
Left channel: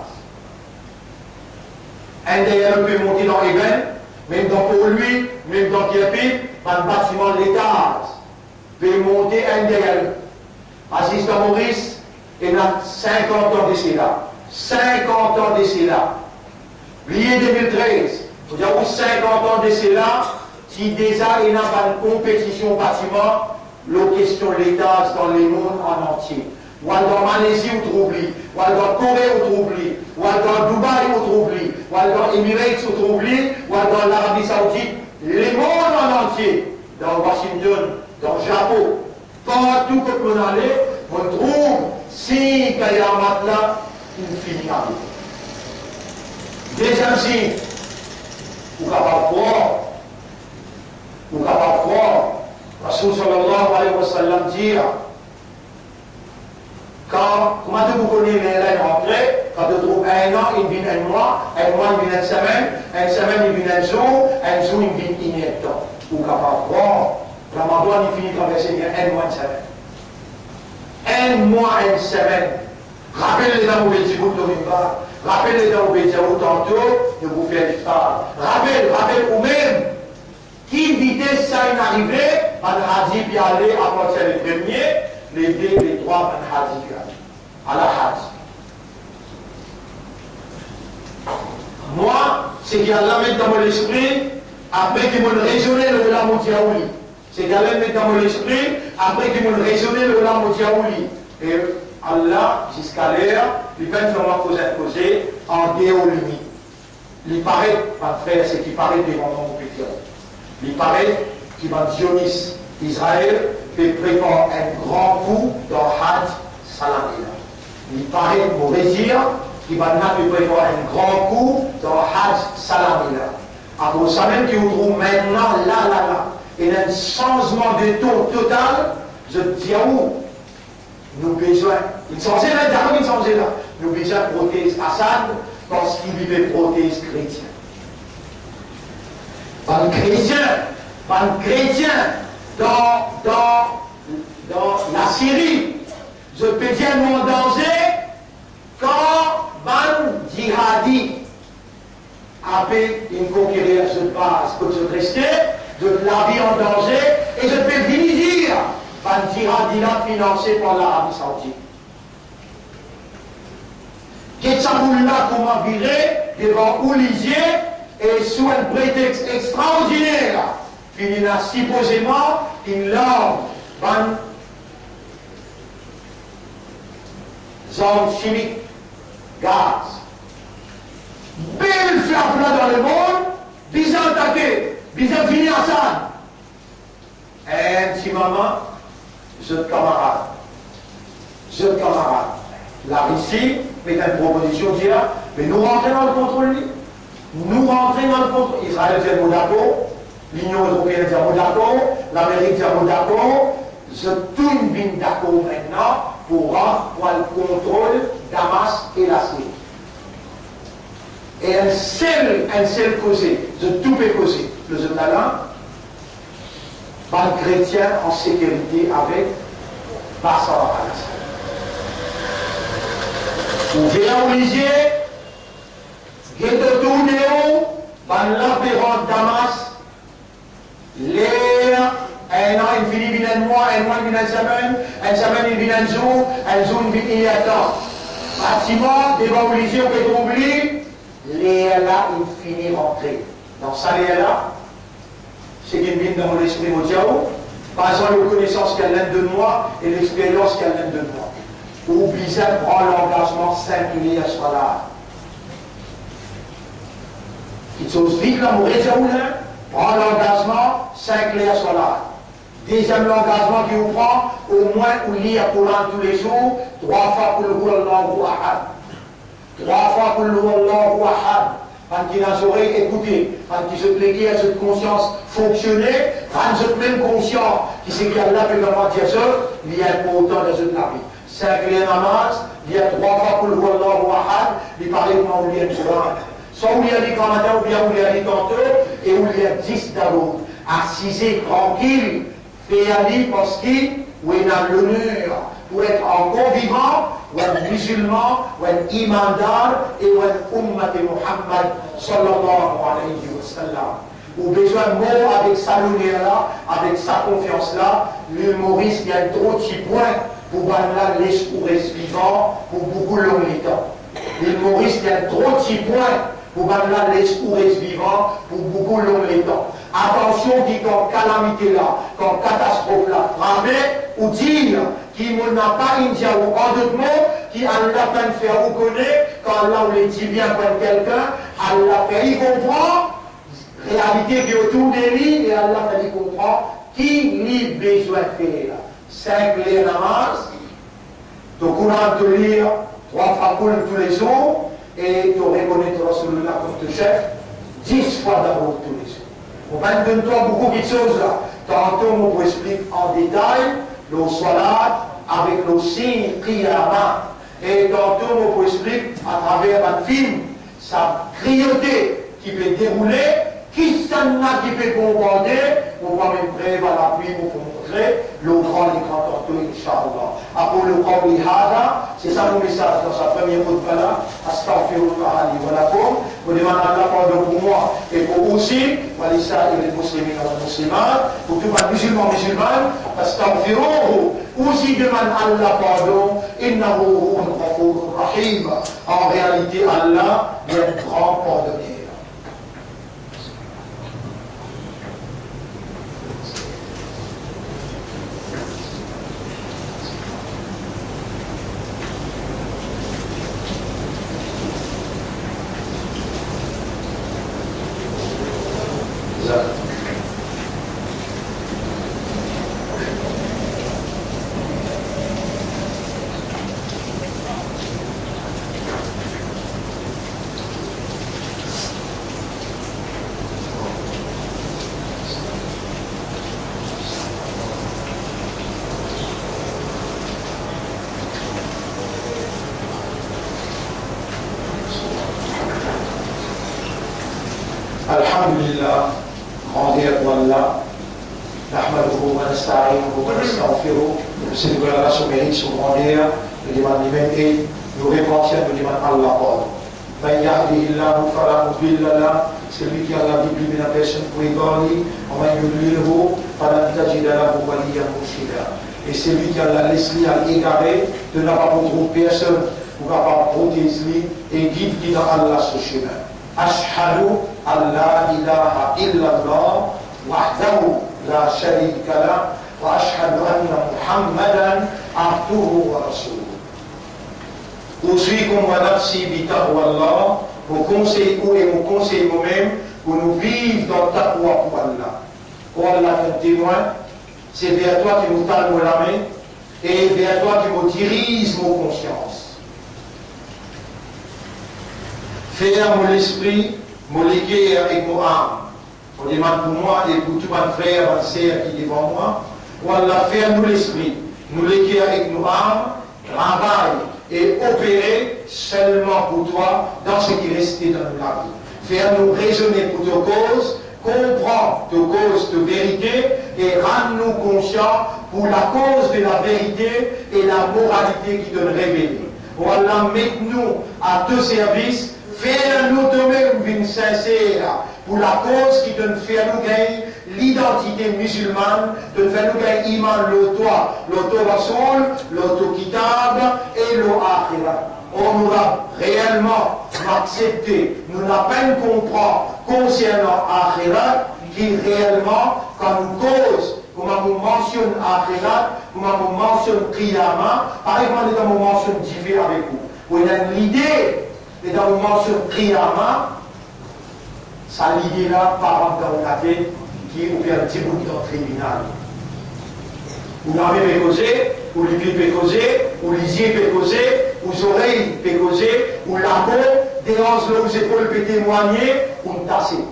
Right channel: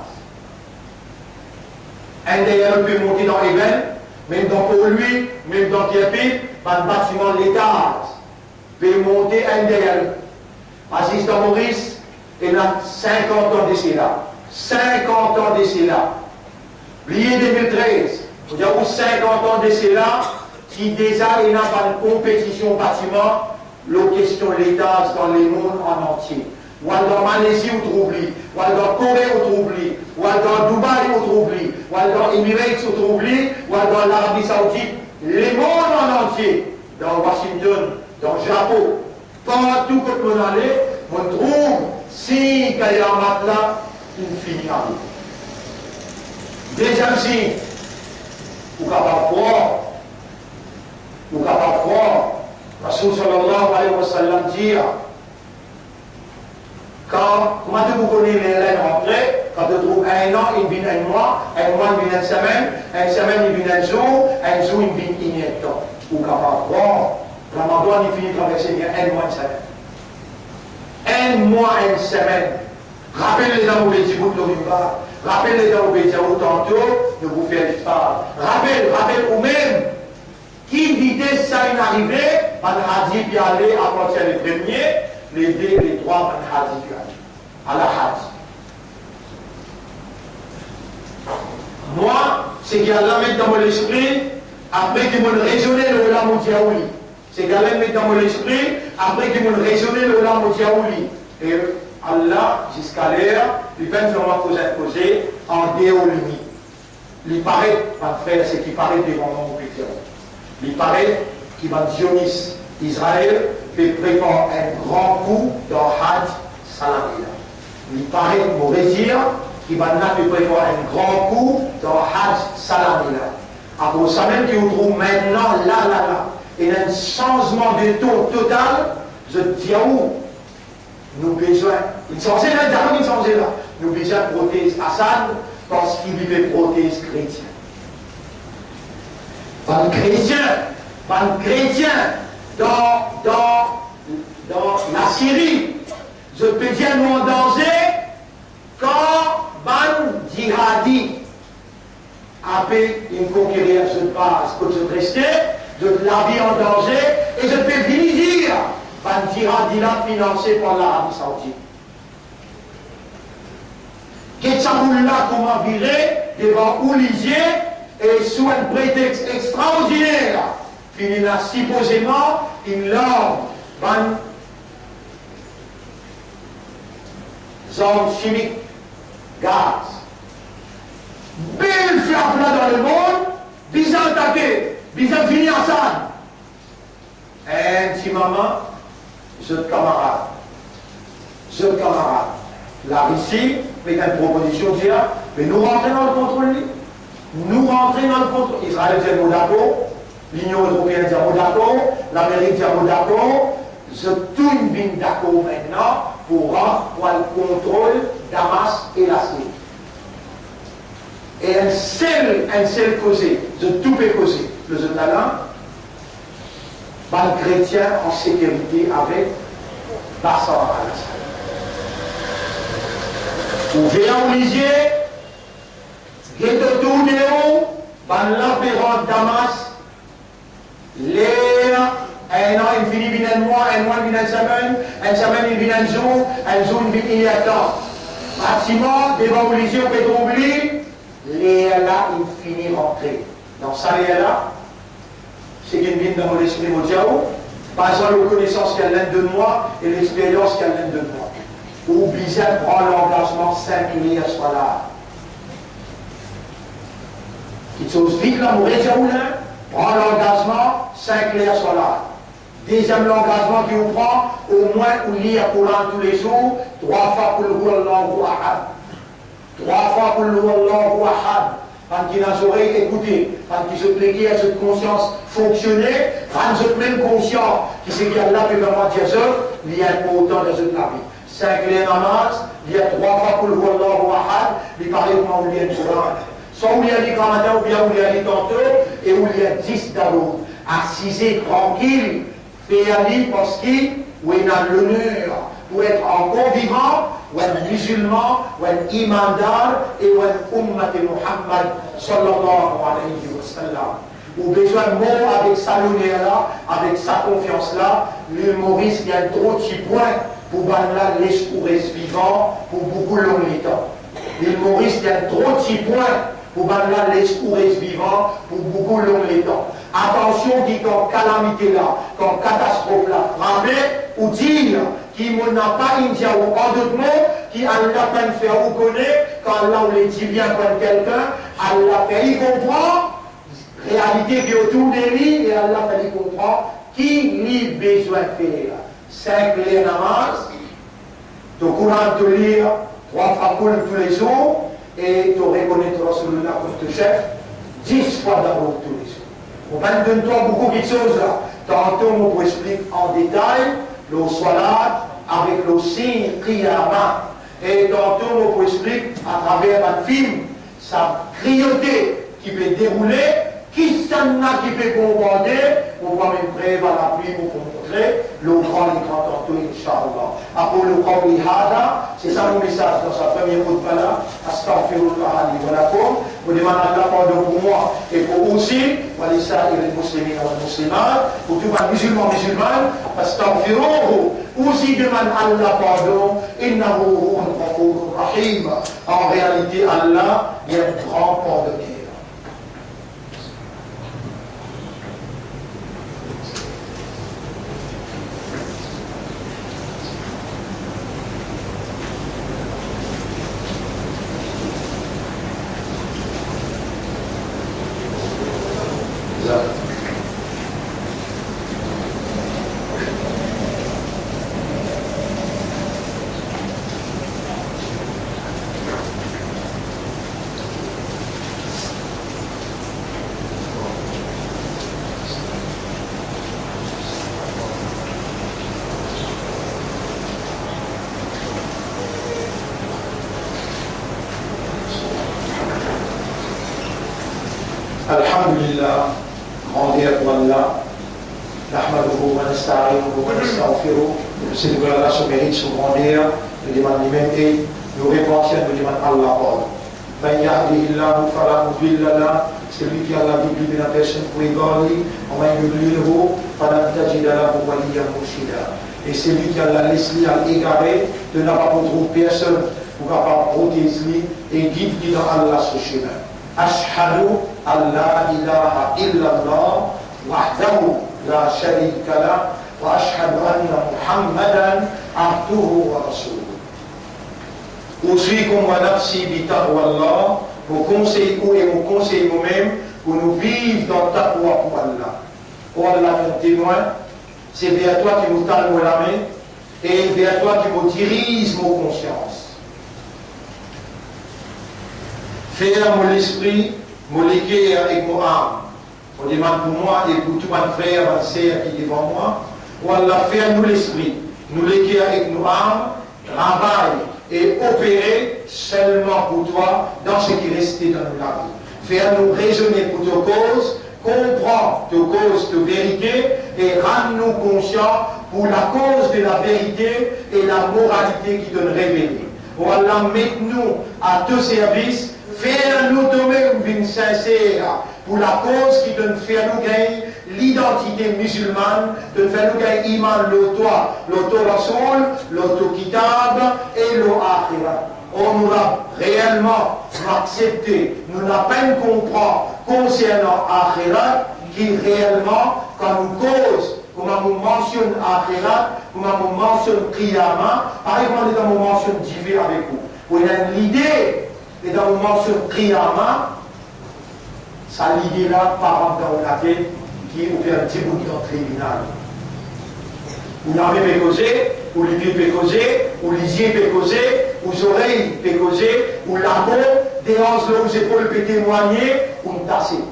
Un d'ailleurs peut monter dans Eben, même dans pour lui, même dans Kierpit, un bâtiment de l'état. Peut monter un d'ailleurs. Assistant Maurice, il a 50 ans d'essai là. 50 ans d'essai là. Lié 2013, il y a 50 ans d'essai là, qui déjà il y a une compétition bâtiment, la question de l'État dans le monde en entier. Ou dans Malaisie, ou troubli, ou dans Corée, ou troubli, ou dans Dubaï, ou troubli, ou dans Emirates, ou troubli, ou dans l'Arabie Saoudite, les mondes en entier, dans Washington, dans le Japon, partout que vous allez, on trouve, si il y a un matelas, il finit avec. Deuxième signe, ou capable fort, ou capable fort, Rasoul sallallahu alayhi wa sallam dit, quand, comment vous connaissez les laines rentrées, quand vous trouvez un an, il vient un mois, il vient une semaine, il vient un jour, il vient une temps. Ou capable fort, Ramadan, il finit de traverser bien un mois, une semaine. Un mois, une semaine. Rappelez-les dans vos petits bouts de l'Imba. Rappelez-les dans vos petits bouts tantôt de vous faire l'histoire. Rappelez vous-même. Qui vitesse ça est arrivé, Van Hadi puis aller à partir des premiers, les deux, les trois, Van Hadi puis aller. À la Hadi. Moi, c'est qu'il y a là mettre dans mon esprit, après qu'il me raisonné le Olam Diaouli. C'est qu'il y a là mettre dans mon esprit, après qu'il me raisonné le Olam Diaouli. Et Allah, jusqu'à l'heure, il va vraiment poser en déolimi. Il paraît, ma frère, c'est qu'il paraît devant mon pétition. Il paraît qu'il va Dionys Israël fait préparer un grand coup dans Hajj Salamina. Il paraît, pour dire, qu'il va préparer un grand coup dans Hajj Salamina. Après ça même qu'il trouve maintenant là. Il y a un changement de tour total. Je dis à où nous besoin, il changeait là, il changeait là. Nous besoin de prothèse Assad parce qu'il vivait prothèse chrétien. Pas de chrétien dans la Syrie, je peux dire mon danger quand ban djihadi avait une conquérir, je passe, que je restais, je la vie en danger et je peux venir dire ban djihadi là financé par l'Arabie Saoudite. Qu'est-ce que là comment virer devant Oulizier et sous un prétexte extraordinaire, il a supposément une langue, une zone chimique, gaz. Belle flamme dans le monde, bisant attaqué, bisant fini à ça. Un petit moment, jeune camarade, la Russie fait une proposition de dire, mais nous rentrons dans le contrôle, Israël dit mot d'accord, l'Union européenne dit mot d'accord, l'Amérique dit mot d'accord, je tourne bien d'accord maintenant pour rendre le contrôle Damas et la Syrie. Et un seul causé, de tout peut causer, le talent, le chrétien en sécurité avec Bachar al-Assad. Vous voyez en Lisier, il y a de tout néo, dans l'apéron de Damas, l'air, un an, il finit bien un mois, il vient une semaine, il vient un jour, il vient un temps. Bâtiment, devant Lisier, on peut oublier, l'air là, il finit rentrer. Dans ça, l'air là, c'est qu'il vient dans l'esprit mondial, par exemple, la connaissance qu'il y a l'un de moi et l'expérience qu'il y a l'un de moi. Ou bien prend l'engagement 5 liens soit là. Il chose vite là, prend l'engagement 5 liens soit là. Deuxième l'engagement qu'il vous prend, au moins vous lire le Coran tous les jours, 3 fois pour le Allahu Ahad. 3 fois pour le Allahu Ahad. Quand il a oreilles écouté, quand il se plaît à cette conscience fonctionner, quand je suis même conscient qui c'est qu'il y a là, puis vraiment dire ça, il y a pas autant de cette vie. 5 les namaz, il y a 3 fois pour le Wallahu Ahad, il parlait comment on lit le Coran. Soit où il y a des commentaires, ou bien où il y a des tantôt, et où il y a 10 d'abord. Assisé tranquille, fait aller parce qu'il a l'honneur pour être encore vivant, ou un musulman, ou un imandar, et ou un ummat Muhammad, sallallahu alayhi wa sallam. Ou besoin de mots avec sa lumière-là, avec sa confiance-là, l'humoriste, il y a trop de petits points pour là l'escourès vivant, pour beaucoup l'humilitant. L'humoriste, il y a trop de petits points pour là l'escourès vivant, pour beaucoup l'humilitant. Attention, qui quand calamité là, quand catastrophe là, frappé, ou dire qui n'a pas une dia ou en d'autres mots, qui a la peine de faire ou connaît, quand Allah on les dit bien comme quelqu'un, Allah fait y comprend, réalité qui est autour de lui, et Allah fait y comprend, qui lui besoin de faire. 5 les namaz, tu courant de lire 3 fois tous les jours, et tu reconnaîtras celui-là comme ton chef, 10 fois d'abord tous les jours. On va te donner beaucoup de choses là. Tantôt, on vous explique en détail le salat avec le signe qiyama. Et tantôt, on vous explique à travers un film sa cruauté qui peut dérouler, qui s'en a qui peut commander, on va même prévoir la pluie pour montrer le grand tantôt, Inch'Allah. Après le Qawli Hada, c'est ça mon message dans sa première khutbah, Astaghfirullah li wa lakum. Vous demandez Allah pardon pour moi et pour aussi, Walisa et les musulmans et les musulmanes, pour tout le musulman musulman, Astaghfiruhu. Aussi demande Allah pardon, Innahu huwal ghafurur rahim. En réalité, Allah est un grand pardonneur. Alhamdulillah, grandeur pour Allah, Nahmaduhu wa nasta'inuhu wa nastaghfiruh. C'est de Allah son mérite, son grandeur, nous demandons l'humanité, nous repentir, nous demandons Allah pardon. Man yahdihillahu fala mudilla lahu, celui qui a la Bible de la personne pour égaler, wa man yudlilhu fala tajida lahu waliyyan murshida. Et celui qui a la laissé à égarer, de n'a pas trouver personne pour pas protéger et guide qui dans Allah ce chemin. أشهد أن لا إله إلا الله وحده لا شريك له وأشهد أن محمدا عبده ورسوله. أوصيكم ونفسي بتقوى الله. Vous conseillez et vous conseillez vous-même pour nous vivre dans ta taqwa pour Allah. Pour Allah, mon témoin, c'est vers toi qui nous tend la main et vers toi qui nous dirige nos consciences. Faire mon esprit, mon léguer avec mon âme. On demande pour moi et pour tout mon frère, ma sœur qui est devant moi. Pour Allah, faire nous l'esprit, nous léguer avec nos âmes, travail et opérer seulement pour toi dans ce qui restait dans la vie. Faire nous raisonner pour ta cause, comprendre ta cause de vérité et rendre-nous conscients pour la cause de la vérité et la moralité qui donne révélée. Voilà, mette-nous à ton service, faire-nous de même une sincère pour la cause qui donne faire nous gagner l'identité musulmane, de faire nous gagner iman l'auto rasoul, l'auto kitab et l'akhirat. On nous a réellement accepté, nous la peine comprend concernant akhirat qui réellement, quand nous cause, comme on mentionne akhirat, comme on mentionne qiyama, par exemple, quand on mentionne divin avec vous. Vous avez l'idée, et quand on mentionne qiyama, ça l'idée là, par exemple, dans la tête, qui est au père de Djibouti dans le tribunal. Ou l'armée peut causer, ou les pieds peuvent causer, ou les yeux peuvent causer, ou les oreilles peuvent causer, ou la peau, des hanches aux épaules peut témoigner, ou me tasser.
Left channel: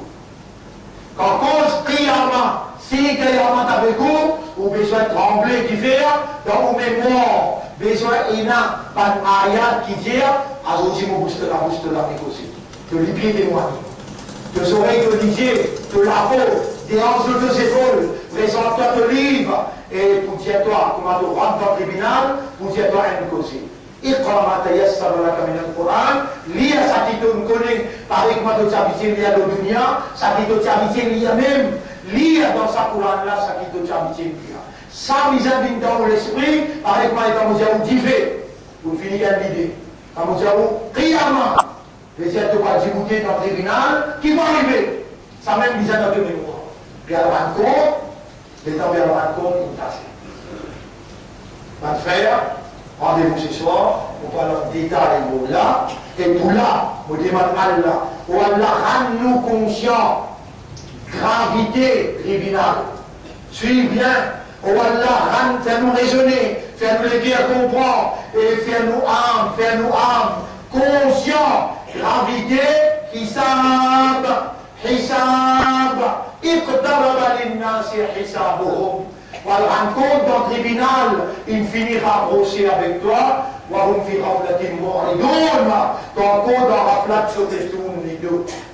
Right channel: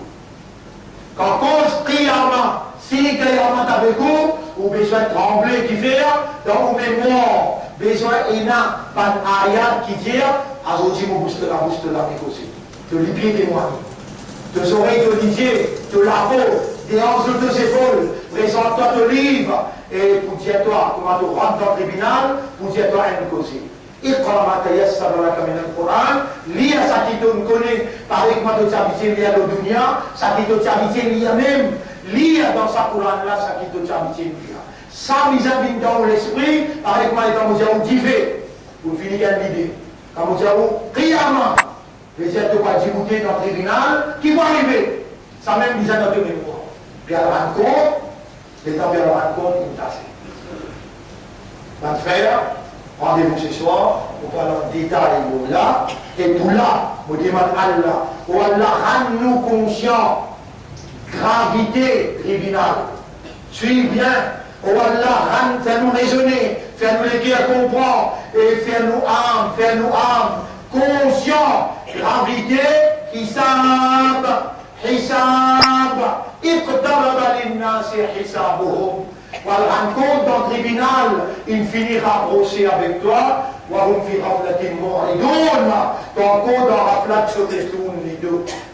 Quand cause qiyama, si qiyama avec vous, ou besoin de trembler qui fait, dans vos mémoires, besoin d'ina, pas d'ayat qui dit, à aujourd'hui, mon booster la négocier. De les pieds témoigner. De oreilles de l'idée, de la peau, des hanches de deux épaules, présente-toi le livre, et pour dire toi, comment tu rentres dans le tribunal, pour dire toi une cause. Iqra ma tayassara laka min al-Qur'an, lis ça qui te connaît, avec moi de t'habiter lié à la dunya, ça qui te t'habiter lié même, lis dans sa Qur'an là, ça qui te t'habiter lié. Ça mise dans l'esprit, avec moi quand vous avez divé, vous finissez l'idée. Quand vous avez qiyama, les êtres pas Djibouti dans le tribunal, qui vont arriver. Ça même mise dans le mémoire. Puis à la rencontre, les temps de la rencontre, ils passent. Mon frère, rendez-vous ce soir, pour parler en détail de là, et pour là, vous demandez Allah, pour Allah rend-nous conscients, gravité tribunal. Suis bien, pour Allah fais-nous raisonner, fais-nous les guerres comprendre, et fais-nous âme, conscients, gravité, hisab, اقترب للناس حسابهم. Voilà, rencontre dans le tribunal, il finira brosser avec toi. وهم في غفلة معرضون. Encore dans la sur des tours,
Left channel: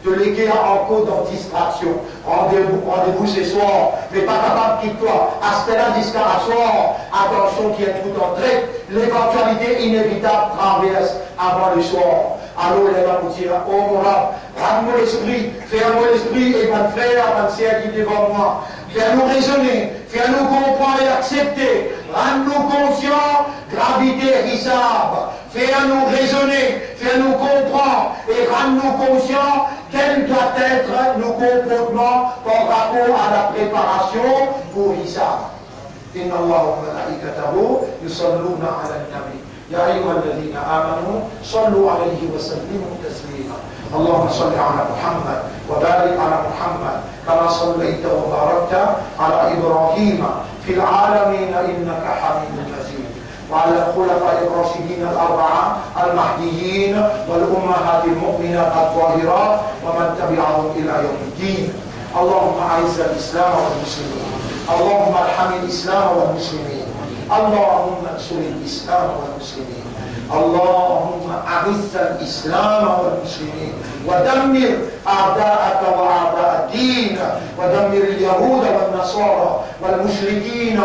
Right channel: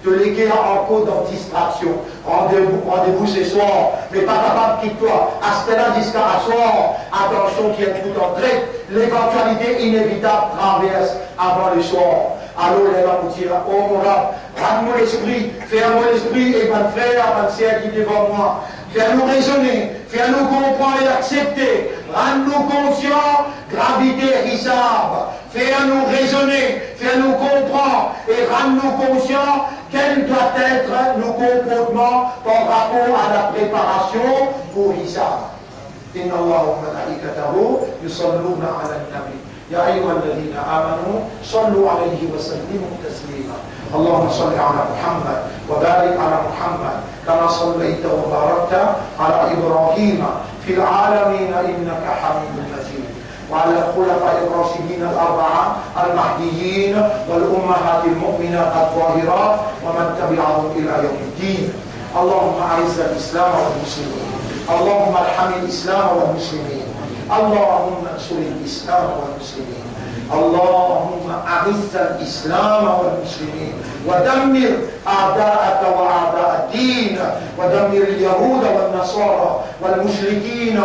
de léguer encore dans distraction. Rendez-vous ce soir, mais pas capable quitte toi. À ce là jusqu'à la soir, attention qui est tout entrée. L'éventualité inévitable traverse avant le soir. Alors les va vous dire, oh mon rab, rends-moi l'esprit, fais-moi l'esprit, et mon frère, ma sœur qui est devant moi. Fais-nous raisonner, fais-nous comprendre et accepter, rends-nous conscients, gravité, hisab, fais-nous raisonner, fais-nous comprendre et rends-nous conscients quel doit être nos comportements par rapport à la préparation pour hisab. Inna Allah wa malaikatahu yusalluna ala nabi. Ya ayyuhalladhina amanu sallu alayhi wa sallimu taslima. اللهم صل على محمد وبارك على محمد كما صليت وباركت على إبراهيم في العالمين إنك حميد مجيد وعلى الخلفاء الراشدين الأربعة المهديين والأمهات المؤمنات الطاهرات ومن تبعهم إلى يوم الدين. اللهم أعز الإسلام والمسلمين، اللهم ارحم الإسلام والمسلمين، اللهم انصر الإسلام والمسلمين، اللهم أعز الإسلام والمسلمين ودمر أعداءك وأعداء الدين، ودمر اليهود والنصارى والمشركين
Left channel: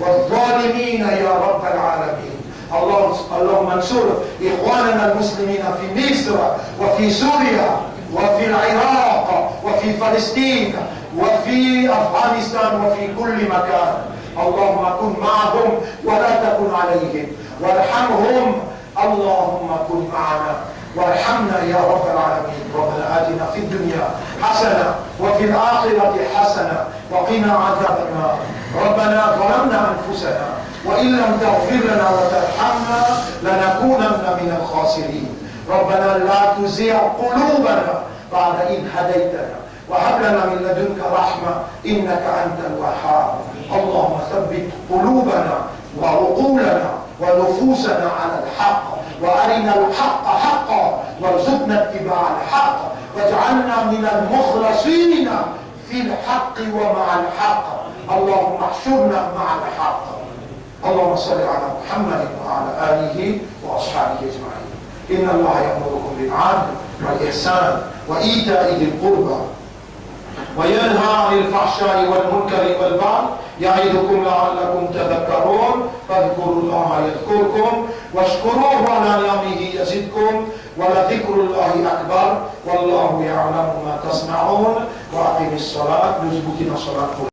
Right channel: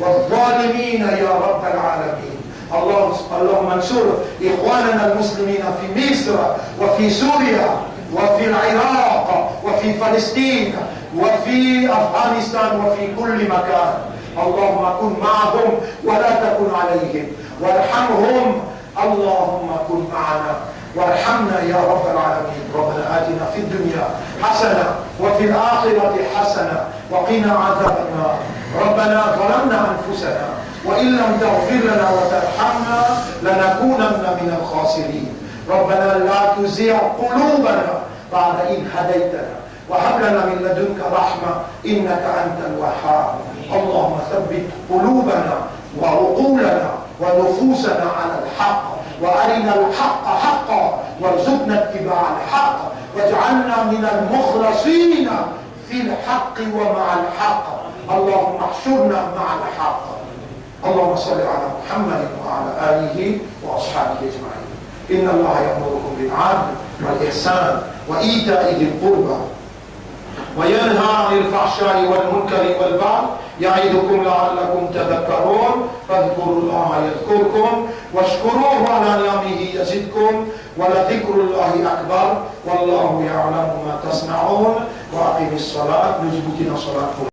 والظالمين يا رب العالمين. اللهم انصر إخواننا المسلمين في مصر وفي سوريا وفي العراق وفي فلسطين وفي أفغانستان وفي كل مكان. اللهم كن معهم ولا تكن عليهم وارحمهم. اللهم كن معنا وارحمنا يا رب العالمين. ربنا آتنا في الدنيا حسنة وفي الآخرة حسنة وقنا عذاب النار. ربنا ظلمنا أنفسنا وإن لم تغفر لنا وترحمنا لنكونن من الخاسرين. ربنا لا تزغ قلوبنا بعد إذ هديتنا وهب لنا من لدنك رحمة إنك أنت الوهاب. اللهم ثبت قلوبنا وعقولنا ونفوسنا على الحق، وأرنا الحق حقا وارزقنا اتباع الحق، واجعلنا من المخلصين في الحق ومع الحق. اللهم احشرنا مع الحق. اللهم صل على محمد وعلى آله وأصحابه أجمعين. إن الله يأمركم بالعدل والإحسان وإيتاء ذي القربى وينهى عن الفحشاء والمنكر والبغي يعظكم لعلكم تذكرون. فاذكروا الله يذكركم واشكروه على نعمه يزدكم ولذكر الله أكبر والله يعلم ما تصنعون. وأقم الصلاة. نثبتنا صلاة